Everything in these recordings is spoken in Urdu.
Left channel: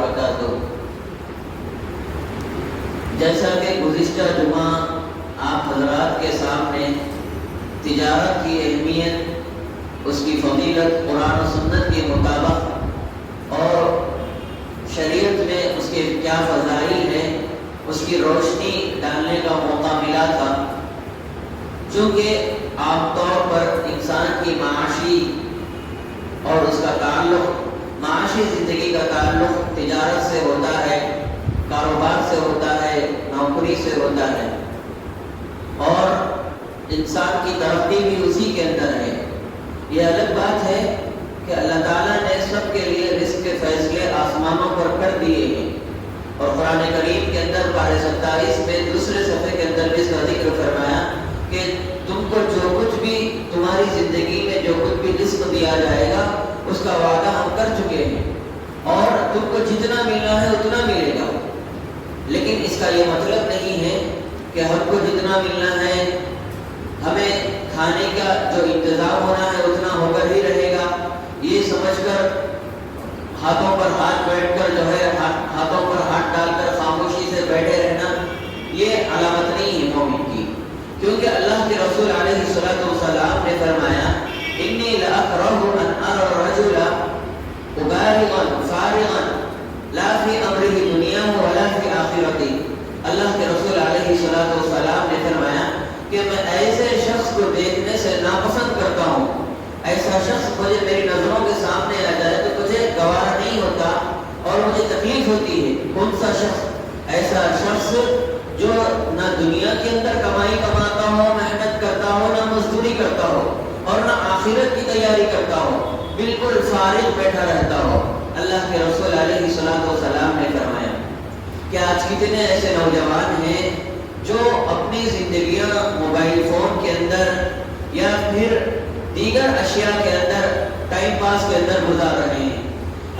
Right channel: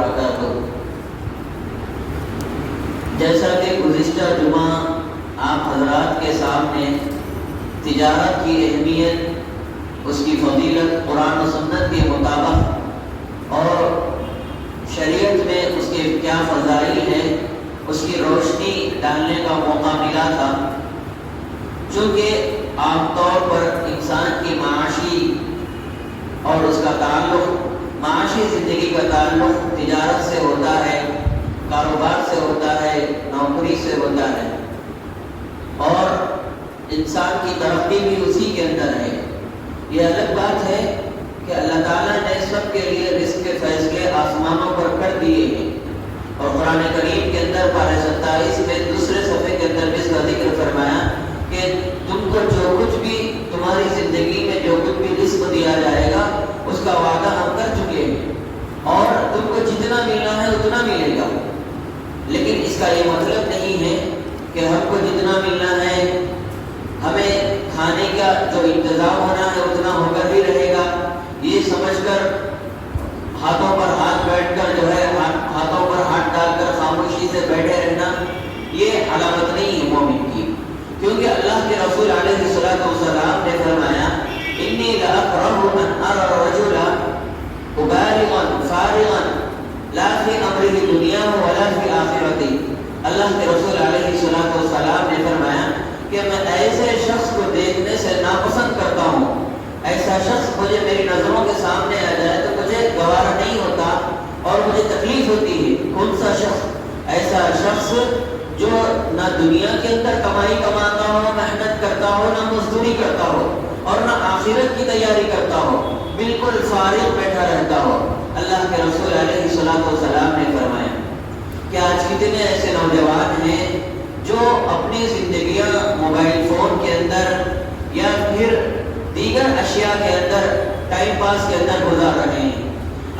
وبرکاتہ۔ جیسا کہ گزشتہ جمعہ آپ حضرات کے سامنے تجارت کی اہمیت، اس کی فضیلت قرآن و سنت کے مطابق اور شریعت میں اس کے کیا فضائل ہیں، اس کی روشنی ڈالنے کا موقع ملا تھا۔ چونکہ عام طور پر انسان کی معاشی اور اس کا تعلق، معاشی زندگی کا تعلق تجارت سے ہوتا ہے، کاروبار سے ہوتا ہے، نوکری سے ہوتا ہے، اور انسان کی ترقی بھی اسی کے اندر ہے۔ یہ الگ بات ہے کہ اللہ تعالیٰ نے سب کے لیے رزق کے فیصلے آسمانوں پر کر دیے ہیں، اور قرآن کریم کے اندر پارہ 27 میں دوسرے صفحے کے اندر اس کا ذکر فرمایا کہ تم کو جو کچھ بھی تمہاری زندگی میں جو کچھ بھی رزق دیا جائے گا اس کا وعدہ ہم کر چکے ہیں، اور تم کو جتنا ملنا ہے اتنا ملے گا۔ لیکن اس کا یہ مطلب نہیں ہے کہ ہم کو جتنا ملنا ہے، ہمیں کھانے کا جو انتظام ہونا ہے اتنا ہو کر ہی رہے گا، یہ سمجھ کر ہاتھوں پر ہاتھ بیٹھ کر جو ہے ہاتھوں پر ہاتھ ڈال کر خاموشی سے بیٹھے رہنا، یہ علامت نہیں ہے مومن کی۔ کیونکہ اللہ کے رسول علیہ الصلوۃ والسلام نے فرمایا انی لاکرہ ان ارى الرجل مبالغا فارغا لا فی امرہ دنیاہ ولا فی آخرتہ۔ اللہ کے رسول علیہ الصلوۃ والسلام نے فرمایا کہ میں ایسے شخص کو دیکھنے سے ناپسند کرتا ہوں، ایسا شخص مجھے میری نظروں کے سامنے آ جائے تو مجھے گوارا نہیں ہوتا اور مجھے تکلیف ہوتی ہے۔ کون سا شخص؟ ایسا شخص جو نہ دنیا کے اندر کمائی کماتا ہو، محنت کرتا ہو، نہ مزدوری کرتا ہو، اور نہ آخرت کی تیاری کرتا ہو، بالکل فارغ بیٹھا رہتا ہو۔ اللہ کے رسول علیہ الصلوۃ والسلام نے فرمایا کہ آج کتنے ایسے نوجوان ہیں جو اپنی زندگیاں موبائل فون کے اندر یا پھر دیگر اشیاء کے اندر ٹائم پاس کے اندر گزار رہے ہیں۔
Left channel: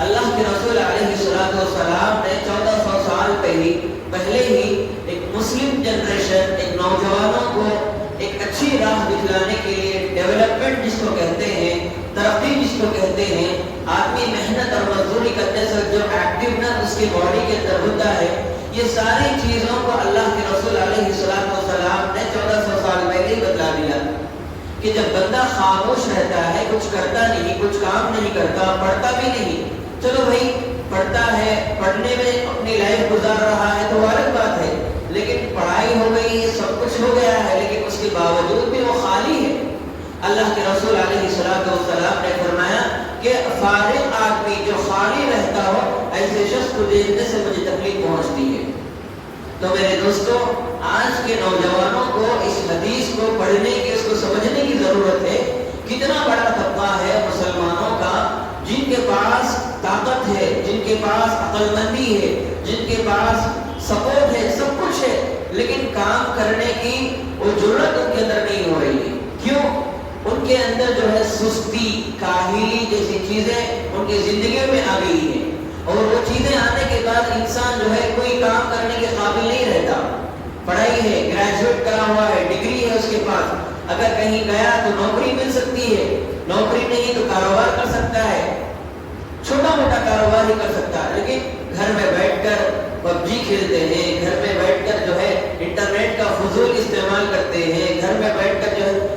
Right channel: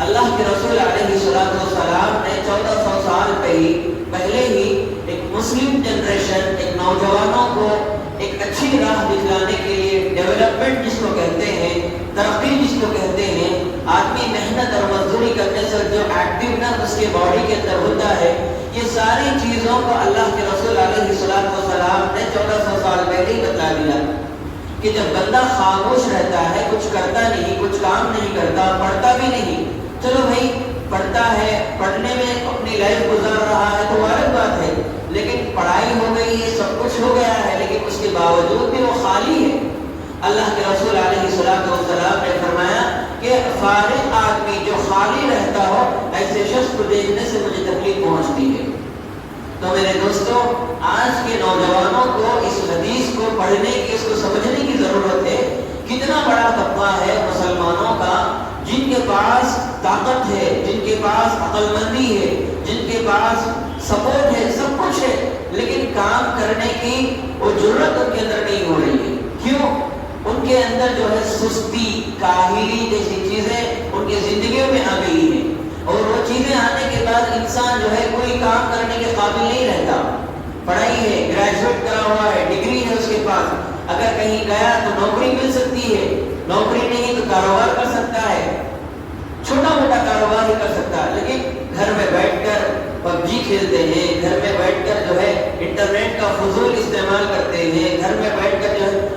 اللہ کے رسول علیہ الصلوۃ والسلام نے 1400 سال پہلے ہی ایک مسلم جنریشن، ایک نوجوانوں کو ایک اچھی راہ دکھلانے کے لیے، ڈیولپمنٹ جس کو کہتے ہیں، ترقی جس کو کہتے ہیں، آدمی محنت اور مزدوری کرنے سے جو ایکٹیونیس اس کی باڈی کے اندر ہوتا ہے، یہ ساری چیزوں کو اللہ کے رسول علیہ الصلوۃ والسلام نے 1400 سال پہلے بتلا دیا کہ جب بندہ خاموش رہتا ہے، کچھ کرتا نہیں، کچھ کام نہیں کرتا، پڑھتا بھی نہیں، چلو بھائی پڑھتا ہے، پڑھنے میں اپنی لائف گزار رہا ہے تو الگ بات ہے، لیکن پڑھائی ہو گئی، سب کچھ ہو گیا ہے، لیکن اس کے باوجود بھی وہ خالی ہے۔ اللہ کے رسول علیہ الصلوۃ والسلام نے فرمایا کہ فارغ آدمی جو خالی رہتا ہو، ایسے شخص کو دیکھنے سے مجھے تکلیف پہنچتی ہے۔ تو میرے دوستوں، آج کے نوجوانوں کو اس حدیث کو پڑھنے کی، اس کو سمجھنے کی ضرورت ہے۔ کتنا بڑا طبقہ ہے مسلمانوں کا جن کے پاس طاقت ہے، جن کے پاس عقل مندی ہے، جن کے پاس سپورٹ ہے، سب کچھ ہے، لیکن کام کرنے کی وہ جرأت ان کے اندر نہیں ہو رہی ہے۔ کیوں؟ ان کے اندر جو ہے سستی، کاہلی جیسی چیزیں ان کی زندگیوں میں آ گئی ہیں، اور وہ چیزیں آنے کے بعد انسان جو ہے کوئی کام کرنے کے قابل نہیں رہتا۔ پڑھائی ہے، گریجویٹ کرا ہوا ہے، ڈگری ہے اس کے پاس، اگر کہیں گیا تو نوکری مل سکتی ہے، نوکری نہیں تو کاروبار کر سکتا ہے، چھوٹا موٹا کاروبار ہی کر سکتا ہے، لیکن گھر میں بیٹھ کر پب جی کھیلتے ہیں، گھر میں بیٹھ کر جو ہے انٹرنیٹ کا فضول استعمال کرتے ہیں، گھر میں بیٹھ کر جو ہے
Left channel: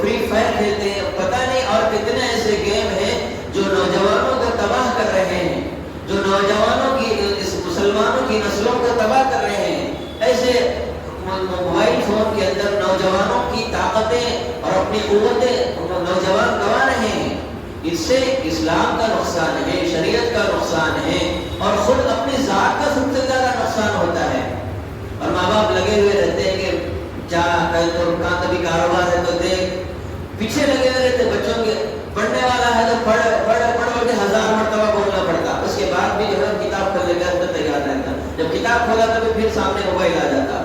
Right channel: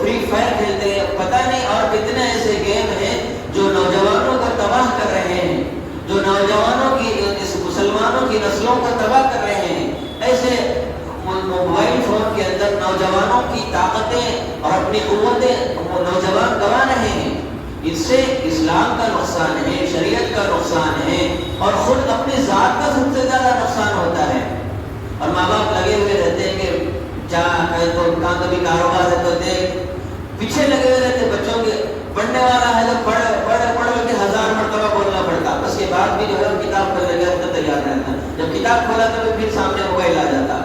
فری فائر کھیلتے ہیں، پتہ نہیں اور کتنے ایسے گیم ہیں جو نوجوانوں کو تباہ کر رہے ہیں، جو نوجوانوں کی، اس مسلمانوں کی نسلوں کو تباہ کر رہے ہیں۔ ایسے موبائل فون کے اندر نوجوانوں کی طاقتیں اور اپنی قوتیں نوجوان گوا رہے ہیں۔ اس سے اسلام کا نقصان ہے، شریعت کا نقصان ہے، اور خود اپنی ذات کا سب سے زیادہ نقصان ہوتا ہے۔ اور ماں باپ لگے ہوئے رہتے ہیں کہ جا کہیں تو ان کا کبھی کاروبار ہے تو دیکھ، پیچھے لگے ہوئے رہتے بچوں کے، پڑھنے والا ہے تو پڑھ کے 1000 مرتبہ بولنا پڑتا، اس کے بعد بھی جو ہے کتاب کھول لے کر تیار رہتا، جب کتاب کھولا تو پھر سامنے موبائل آ جاتا۔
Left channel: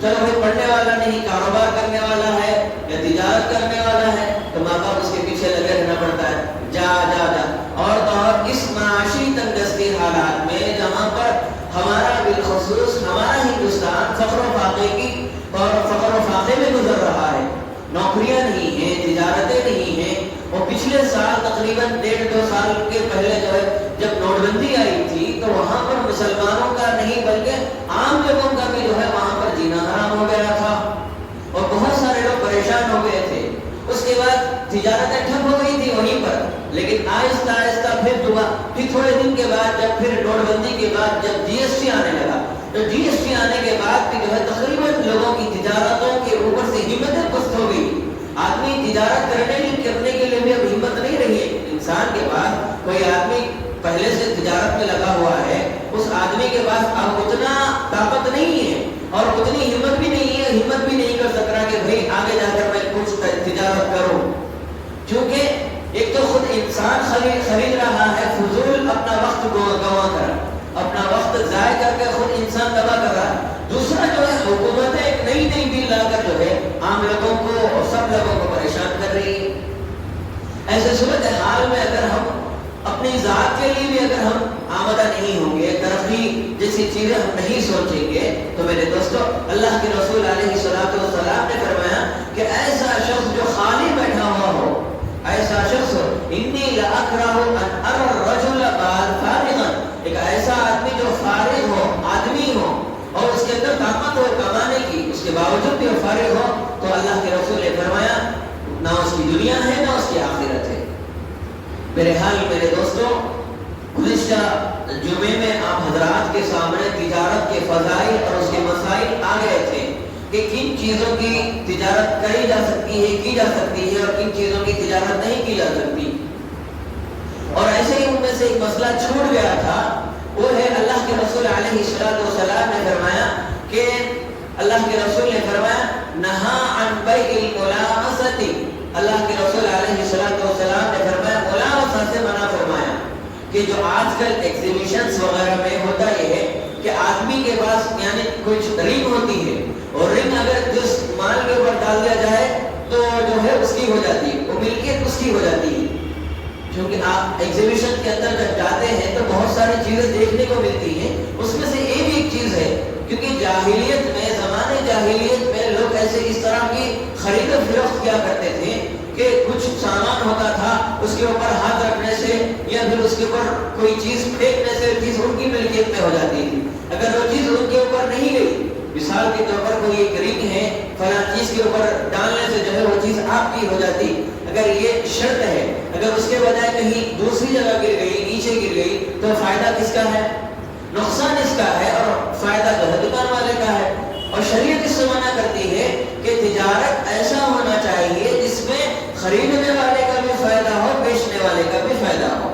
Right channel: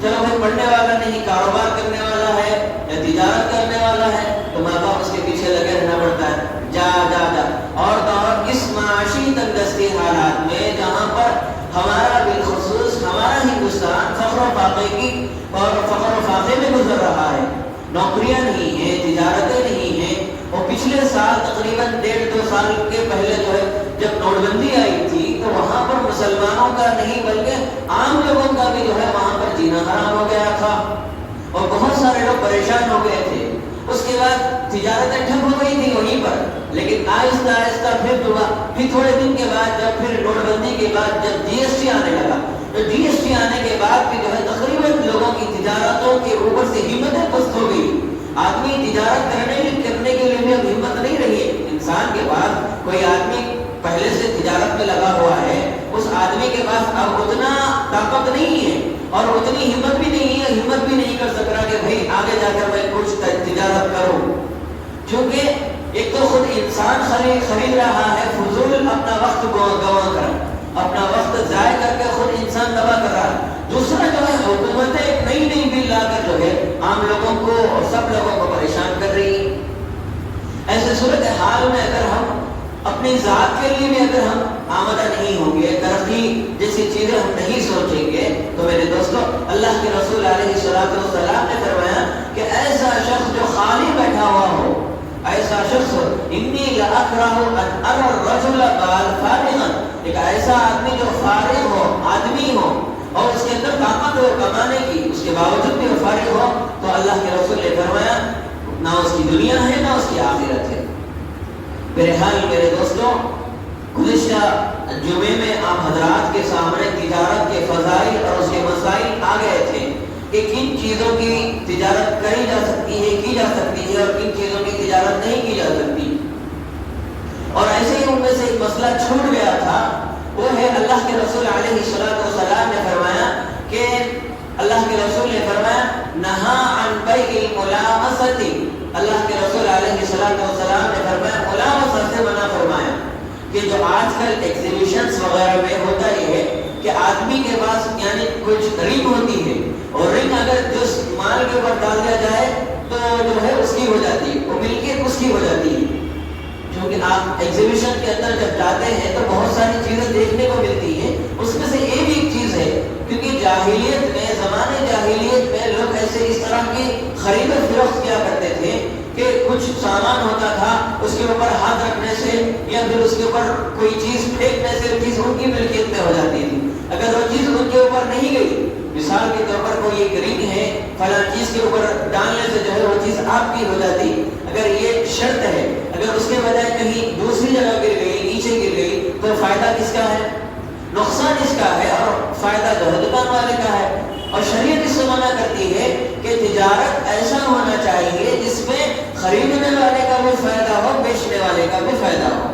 چلو بھائی پڑھنے والا نہیں، کاروبار کرنے والا ہے یا تجارت کرنے والا ہے تو ماں باپ اس کے پیچھے لگے رہنا پڑتا ہے، جا جا جا۔ اور اس معاشی تنگستی حالات میں جہاں پر ہمارا بالخصوص ہمارا ہندوستان فخر و فاقے میں گزر رہا ہے، نوکریاں نہیں ہیں، تجارتیں نہیں ہیں، اور پچھلے سال تقریباً 1.5-2 سال کے پہلے جو ہے جب نوٹ بندی آئی تھی تو وہاں پر مسلمانوں کا نہیں بلکہ عام لوگوں کا بھی جو ہے وہاں پر جینا حرام ہو گیا تھا اور بہت سارے لوگ پریشان ہو گئے تھے. اس کے بعد تجارتیں ٹھپ ہو گئی تھی وہیں پر, لیکن آہستہ آہستہ پھر تھوڑے دن کے بعد جب پھر نوٹ بندی کے بعد جب جی ایس ٹی آنے لگا تو جی ایس ٹی آنے کے بعد جو ہے تقریباً لوگوں کی تجارتوں کے اوپر سے ہمتیں پست ہو گئی. آدمی تجارت کرنے کے لیے بھی اب ہمت نہیں رہی ہے. انسان کے پاس کوئی آدمی پہلے سے تجارت میں لگا ہوا ہے, اس آدمی کے پاس اب اتنا طاقت نہیں ہے اور اتنی ہمت بھی نہیں ہے, ہمت بھی نہیں کر سک رہا کہ بھائی آگے جا کر میں کچھ تجارت کروں. کیونکہ ایک تو خود انسان خرید رہا ہے فضول, اپنا وقت گوا کر, اپنا وقت ضائع کر کے خود انسان تباہ کر رہا ہے. دوسرا جو ہے حکومتیں ایک نئی بل لا کر جو ہے عام لوگوں کو اور سب لوگوں کو پریشان کر رہی ہے. ایسے صورت حال میں اگر ہم اپنی ذات کے لیے بھی اگر ہم آمدہ نہیں ہوں گے, ترقی جیسی چیزیں ہم نہیں سوچیں گے, تو میرے دوستو اللہ کے رسول علیہ السلام نے فرمایا کہ ایسا شخص جو خالی بیٹھا ہوا ہو, ایسا شخص انی لاکرہ ان ارى الرجل فارغا, ایک ایسا آدمی جو فارغ ہو, آدمی ہو اور اس کے اندر طاقت ہو کمانے کی, اس کے باوجود بھی فارغ ہو, تو اللہ کے رسول نے فرمایا نہ اس کی دنیا ہے نہ اس کی آخرت ہے. بہرحال میرے دوستوں, گزشتہ جمعے میں آپ حضرات کے سامنے تجارت کے فضائل اور اس کے مسائل آ گئے تھے کہ کن چیزوں کی تجارت کی جا سکتی ہے اور کن چیزوں کی تجارت نہیں کی جا سکتی. اور ایسے ہی ان میں سے ایک مسئلہ چھوٹ گیا تھا, وہ ہے اللہ کے رسول علیہ السلام نے فرمایا کہ اللہ کے رسول نے فرمایا نہا عن بیع الملامسۃ, اللہ کے رسول علیہ السلام نے فرمایا ملامسہ سے منع فرمایا کہ جو آج کل ایگزیبیشنز وغیرہ میں ہوتا یہ ہے کہ آدمی کے پاس یعنی کچھ رنگ ہوتی ہے اور رنگ اگر جس مال کے اوپر ڈال دیا جائے تو جو ہے اس کی ہو جاتی ہے, وہ ملکیت اس کی ہو جاتی ہے. کیونکہ آپ ایگزیبیشن کے اندر جب جاتے ہیں تو بہت ساری چیزیں دیکھنے کو ملتی ہیں, اس میں سے ایک چیز ہے کیونکہ جاہلیت میں, زمانے جاہلیت میں لوگ ایسے اس طرح کی خرید و فروخت کیا کرتے تھے کہ کچھ سامان ہوتا تھا, اس کے اوپر ہاتھ رکھنے سے یا پھر اس کے اوپر کوئی چیز پھینکنے سے چیز ان کی ملکیت میں ہو جاتی تھی. اگر وہ چیز ان کے اوپر نہیں گئی, مثال کے طور پر کوئی ایک رنگ ہے فلاں چیز کے اوپر ڈالنے سے جو ہے وہ چیز آپ کی ہو جاتی, اگر یہ شرط ہے, اگر اس کے بجائے کہیں دوسری جگہ گر گئی, نیچے گر گئی, تو فائدہ کس کا ہے؟ نقصان اس کا ہے اور فائدہ جو ہے دکان والے کا ہے. اور شریعت اس سے منع کرتی ہے کہ تجارت ایسا ہونا چاہیے جس میں خریدنے والے کا بھی فائدہ ہو, بیچنے والے کا بھی فائدہ ہو,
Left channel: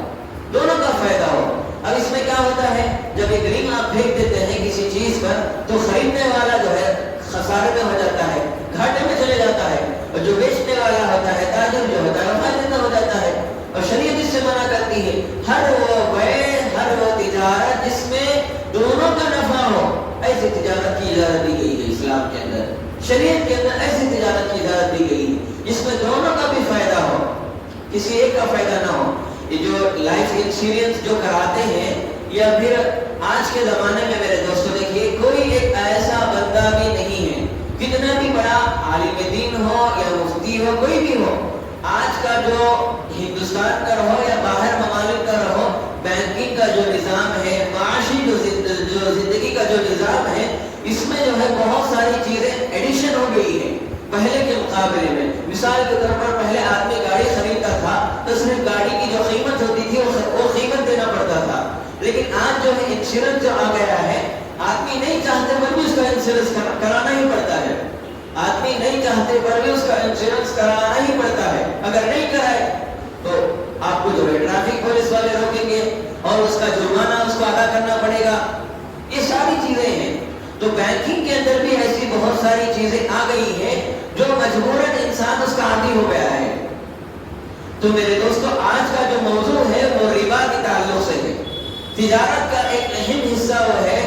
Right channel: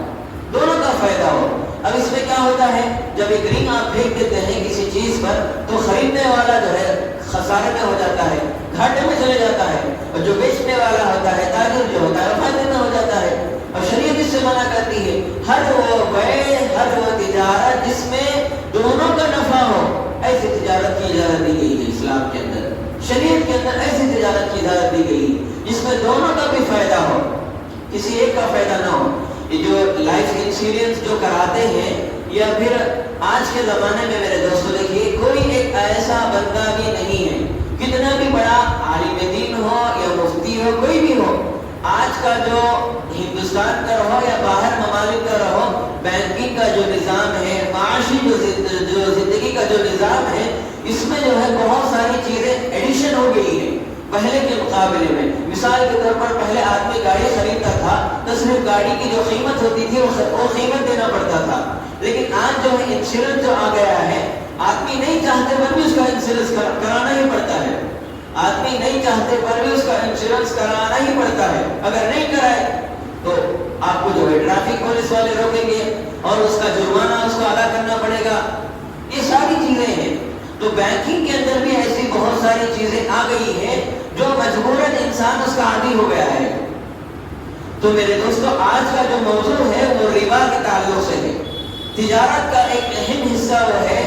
دونوں کا فائدہ ہو. اب اس میں کیا ہوتا ہے, جب ایک رنگ آپ پھینک دیتے ہیں کسی چیز پر تو خریدنے والا جو ہے خسارے میں ہو جاتا ہے, گھاٹے میں چلے جاتا ہے, اور جو بیچنے والا ہوتا ہے, تاجر جو ہوتا ہے, فائدے میں ہو جاتا ہے. اور شریعت اس سے منع کرتی ہے ہر وہ بیع, ہر وہ تجارت جس میں دونوں کا نفع ہو, ایسی تجارت کی اجازت دی گئی ہے اسلام کے اندر. شریعت کے اندر ایسی تجارت کی اجازت دی گئی جس میں دونوں کا بھی فائدہ ہو, کسی ایک کا فائدہ نہ ہو. یہ جو لائف انشورنس جو کراتے ہیں یا پھر آج کے زمانے میں میرے دوستوں دیکھیے کوئی ایک ایسا بندہ بھی نہیں ہے, کتنا بھی بڑا عالم دین ہو یا مفتی ہو, کوئی بھی ہو, آج کا جو ہندوستان کا رہو یا باہر ممالک کا رہو, بینکنگ کا جو نظام ہے, معاشی جو زندگی کا جو نظام ہے, اس میں جو ہے بہت ساری چیزیں ایڈیشن ہو گئی ہیں پہلے کے مقابلے میں. مثال کے طور پر پہلے آدمی گاڑی خریدتا تھا تو صرف گاڑی کی جو قیمت ہوتی تھی وہ قیمت دینا پڑتا تھا, لیکن آج جو ہے انشورنس جو آ گیا ہے, آدمی نہیں چاہتے پر بھی اس کا انشورنس کرانا ہی پڑتا ہے. آدمی نہیں چاہتے پر بھی اس کا انشورنس کرانا ہی پڑتا ہے. اگر نہیں کرائے تو آپ کو جو ہے ٹریفک پولیس والے روکیں گے اور اس کا جرمانہ اس کو ادا کرنا پڑے گا. یہ ساری چیزیں ہیں. تو بینکنگ کے اندر بھی ایسی بہت ساری چیزیں آ گئی ہیں جو مجبوراً انسان اس کا عادی ہو گیا ہے. تو میرے دوستو آج کا جو موضوع ہے وہ ربا کے تعلق سے ہے. تجارت کا ایک اہم حصہ وہ ہے,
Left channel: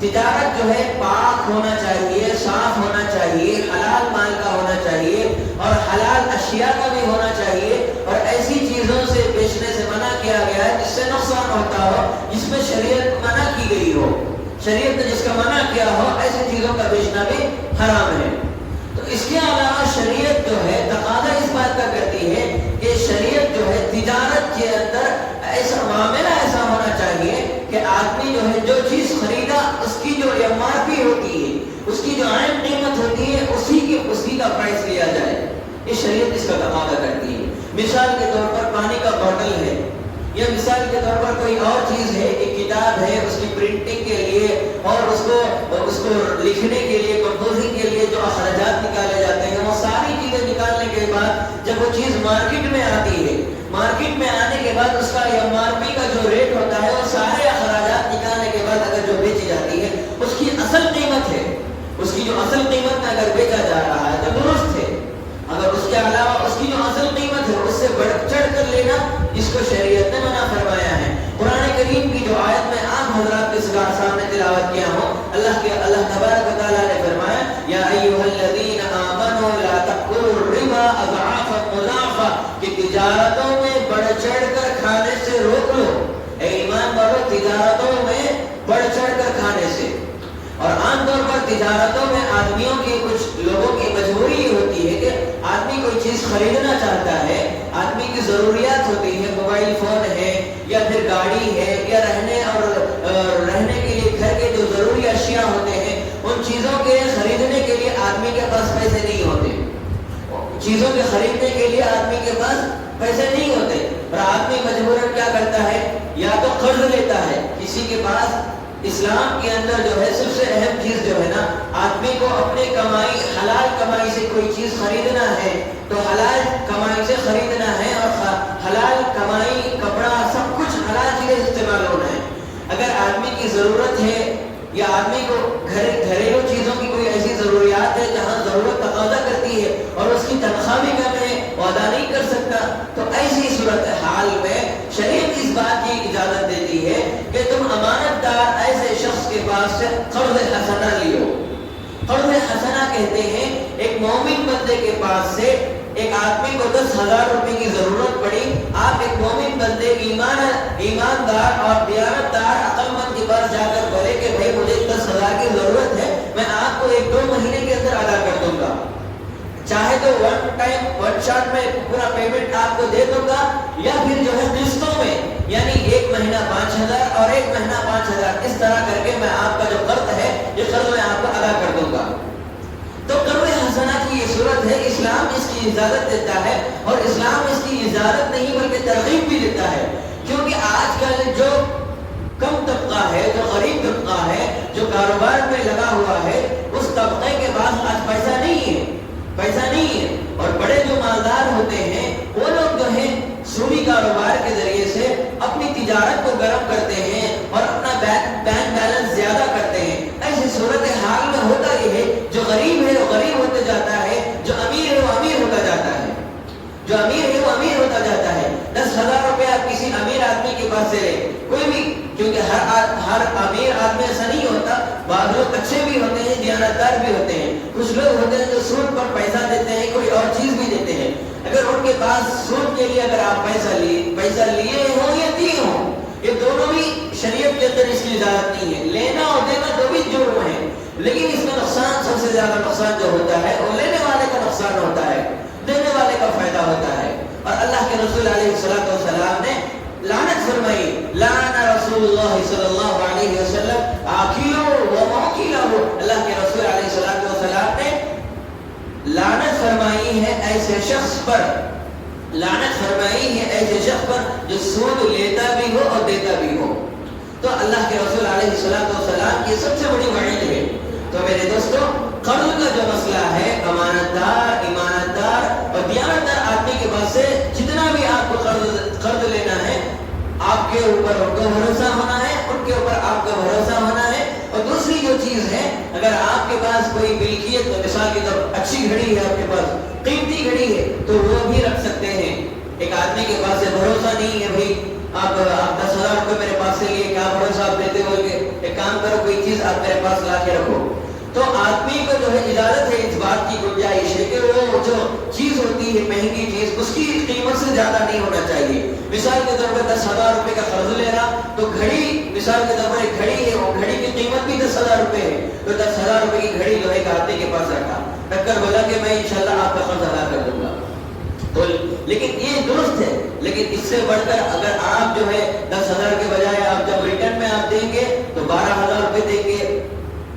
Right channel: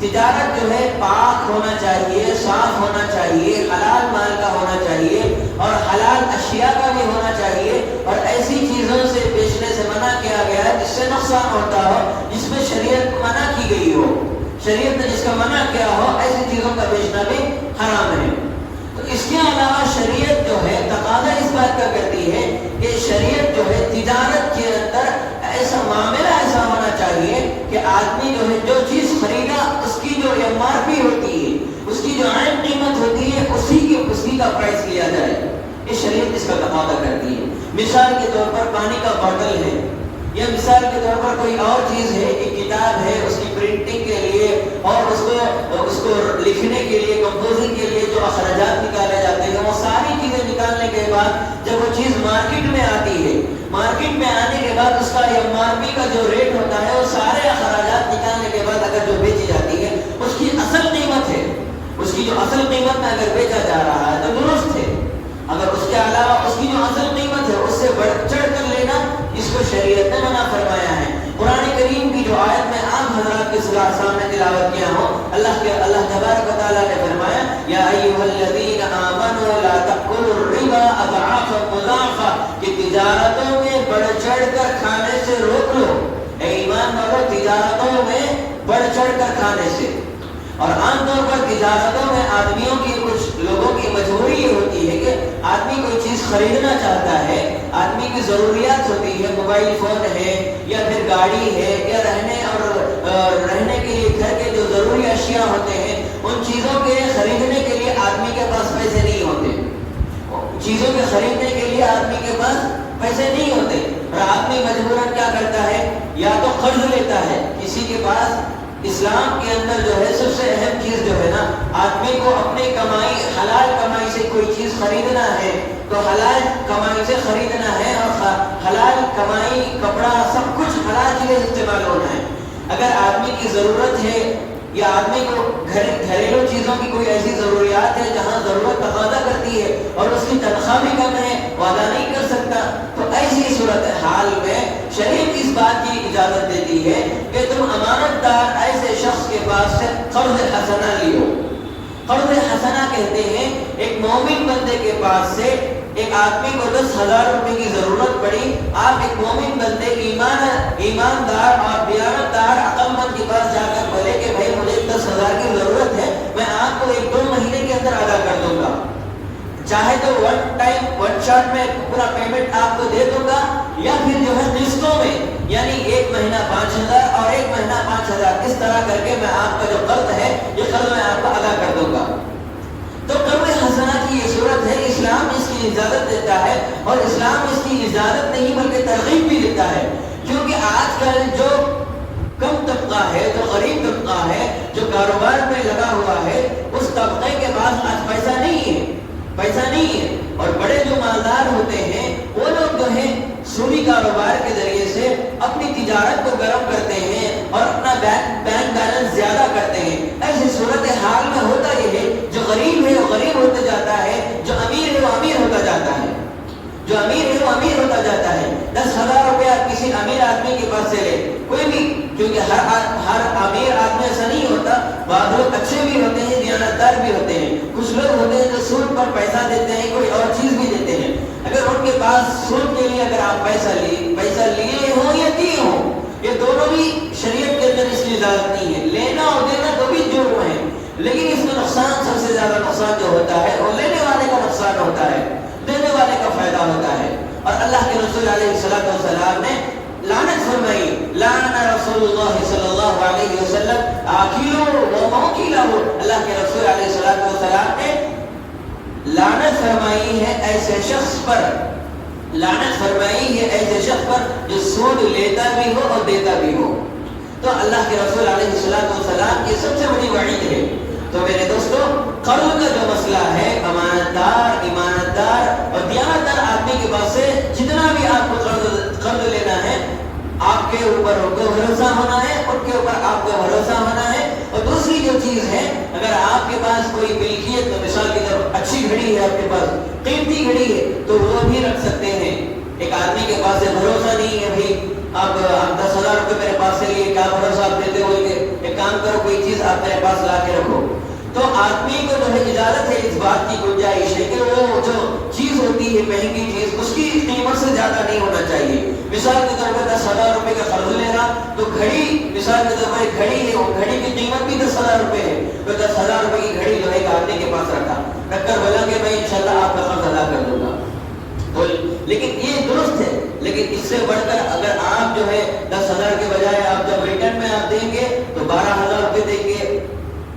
تجارت جو ہے پاک ہونا چاہیے, صاف ہونا چاہیے, حلال مال کا ہونا چاہیے اور حلال اشیاء کا بھی ہونا چاہیے, اور ایسی چیزوں سے بیچنے سے منع کیا گیا ہے جس سے نقصان ہوتا ہو, جس میں شریعت منع کی گئی ہو. شریعت نے جس کا منع کیا ہو ایسی چیزوں کا بیچنا بھی حرام ہے. تو اس کے علاوہ شریعت جو ہے تقاضا اس بات کا کرتی ہے کہ شریعت جو ہے تجارت کے اندر ایسا معاملہ ایسا ہونا چاہیے کہ آدمی جو ہے جو چیز خریدا اس کی جو ایم آر پی ہوتی ہے، اس کی جو عین قیمت ہوتی ہے، اسی کا پرائز لیا جائے. یہ شریعت اس کا تقاضا کرتی ہے. مثال کے طور پر پانی کا باٹل ہے، یا مثال کے طور پر کوئی اور چیز ہے، ایک کتاب ہے، اس کی پرنٹنگ کے لیے اور اس کو لکھنے کے لیے، کمپوزنگ کے لیے جو اخراجات نکالے جاتے ہیں، وہ ساری چیزیں نکالنے کے بعد جب وہ چیز مارکیٹ میں آتی ہے، مارکیٹ میں آنے کے بعد اس کا ایم آر پی کا جو ریٹ ہوتا ہے، وہ سارے اخراجات نکالنے کے بعد اگر جو بیچی جاتی ہے، اس کی اصل قیمت ہے، اس کی جو اصل قیمت میں اگر بیچا جا رہا ہے تو درست ہے. اگر اس کے علاوہ اس کی جو اصل قیمت ہے اس سے بڑھ چڑھ کر لینا، اس کو شریعت نے منع فرمایا ہے. قرآن کریم کی جو آیت میں عام حضرات کے سامنے تلاوت کیا ہو، اللہ تبارک و تعالیٰ نے فرمایا یا ایھا الذین آمنوا لا تأکلوا الربا اضعافا مضاعفا، کہ تجارتوں میں بڑھ چڑھ کر کھانے سے روک لو. اے ایمان والو، تجارتوں میں بڑھ چڑھ کر کھانے سے. اور عام طور پر تجارتوں میں آدمیوں کی، کچھ لوگوں کی مجبوری ہوتی ہے کہ آدمی کوئی چیز خریدنا چاہتا ہے، آدمی کی ضروریات ہوتی ہے، موبائل فون ہے یا پھر گاڑی ہے یا رہنے کے لیے گھر کے جو ضروری اشیاء ہوتے ہیں، ان چیزوں کے خریدنے کے لیے آدمی کے پاس پیسے نہیں ہوتے. چیزوں کے خریدنے کے لیے آدمی کے پاس پیسے نہیں ہوتے، اور آدمی مجبوراً کیا کرتا ہے، یا تو قرض لیتا ہے. کسی کے پاس اسلام کے اندر جو ہے سب سے اہم چیز جو ہے نا، آدمی کو اپنی کمائی، حلال کمائی سے کوئی چیز خریدنا ہے تو حلال کمائی سے خریدنا ہے، اور حلال کمائی، کپڑا، سب کچھ حلال چیز استعمال ہونا ہے. اگر آدمی کی ضرورت ہے یا آدمی کو گھریلو چیزوں کی کوئی ایسی ضروریات ہے جہاں ضرورت تقاضا کرتی ہے اور اس کی تنخواہ بھی کم ہے، وہ ادا نہیں کر سکتا، تو ایسی صورتحال میں شریعت اس بات کی اجازت دیتی ہے کہ تم امانت دار ایسے شخص کے پاس سے قرض حسنہ لیو. قرض حسنہ کہتے ہیں ایک مومن بندے کے پاس سے ایک آدمی کو 10,000 روپے کی ضرورت پڑی، آپ ایک مومن بندے، ایماندار اور دیانتدار عقل مند کے پاس جا کر بولے کہ بھائی مجھے 10,000 کی ضرورت ہے، میں آپ کو 1-2 مہینے کے اندر ادا کر دوں گا، چاہے تو ون شاٹ میں پورا پیمنٹ آپ کو دے دوں گا، یا پھر جو ہے قسطوں میں، یعنی 1 مہینہ 5,000 اور 1 مہینہ 5,000، اس طرح کر کے میں آپ کا جو قرض ہے یہ قرض میں آپ کو ادا کر دوں گا. تو قرض حسنہ کی یہ صورت ہے، اسلام اس کی اجازت دیتا ہے، اور اسلام اس کی اجازت نہیں بلکہ ترغیب بھی دیتا ہے. کیونکہ آج کل جو کم طبقہ ہے، جو غریب طبقہ ہے، جو کاروبار میں لگا ہوا ہے، اس طبقے کے پاس آج پیسہ نہیں ہے، اور بڑے جو مالدار ہوتے ہیں وہ لوگ جو ہیں سودی کاروبار کے ذریعے سے اپنی تجارت کو گرم کرتے ہیں اور اپنا بینک بیلنس زیادہ کرتے ہیں. ایسی صورتحال میں ہوتا یہ ہے، جو غریب ہے وہ غریب ہوتا جاتا ہے، جو امیر ہے وہ امیر ہوتا جاتا ہے، جو امیر ہے وہ امیر ہوتا جاتا ہے. 10,000 روپے آپ کسی امیر آدمی کے پاس سے لیں، کوئی بھی، کیونکہ ہر امیر آدمی ایسا نہیں ہوتا، بعض لوگ اچھے بھی ہوتے ہیں، دیانتدار بھی ہوتے ہیں، کچھ لوگ ہوتے ہیں جو سود پر پیسہ دیتے ہیں، کوئی اور چیز بھی دیتے ہیں. اگر ان کے پاس سود کے لیے اگر آپ پیسہ لیے ہو یا دیے ہو، یہ دونوں بھی شریعت کے اندر اس کی اجازت نہیں ہے. لینا اور دینا دو بھی جرم ہے، لیکن اس میں نقصان، سب سے زیادہ نقصان جو ہوتا ہے وہ لینے والے کا نقصان ہوتا ہے، دینے والے کا فائدہ ہوتا ہے. اور اللہ کے رسول علیہ الصلوۃ والسلام نے لعنت فرمائی، لعن رسول اللہ صلی اللہ علیہ وسلم آکلہ و موکلہ. اللہ کے رسول علیہ الصلوۃ والسلام نے لعنت فرمائی ہے ایسے شخص پر، لعنت فرمائی ہے ایسے شخص پر جو سود لیتا بھی ہو اور دیتا بھی ہو. تو اللہ کے رسول علیہ الصلوۃ والسلام کی سب سے بڑی وعید ہے. تو میرے دوستو، قرض کا جو مسئلہ ہے، امانتدار، ایماندار اور دیانتدار آدمی کے پاس سے جتنا بھی آپ کو قرض لینا ہے، آپ کے اوپر ان کو بھروسہ ہونا ہے، ان کے اوپر آپ کو بھروسہ ہونا ہے. اور دوسری جو چیز ہے، اگر آپ کے پاس کوئی ملکیت، مثال کی طرف اچھی گھڑی ہے، آپ کے پاس قیمتی گھڑی ہے، تو وہ بھی رکھ سکتے ہیں. ایک آدمی کے پاس سے بھروسہ نہیں ہے، بھائی آپ 10,000 روپے میرے پاس سے لیے، کیا بھروسہ آپ دیتے ہو کہ ایک کام کرو، کوئی چیز آپ میرے پاس لا کے رکھو. تو آدمی کو جو ہے اجازت ہے، اس بات کی گنجائش ہے کہ وہ جو چیز ہوتی ہے مہنگی چیز، اس کی قیمت سے زیادہ نہیں ہونا چاہیے. مثال کے طور پر 10,000 روپے کا قرض لے رہا، تو گھڑی، مثال کے طور پر ایک گھڑی ہے، وہ گھڑی کی قیمت بھی 10,000 روپے ہے، تو 10,000 روپے کی گھڑی جو ہے ایک آدمی کے پاس رکھ کر بولا کہ میں انشاءاللہ آپ کا قرض ادا کر دوں گا. لیکن یہ درست ہے لیکن اس سے بڑھ کر اگر آپ جو ہے 10,000 کے بجائے آپ جب ریٹرن میں آپ دیں گے تو 12,000 روپے دیں گے،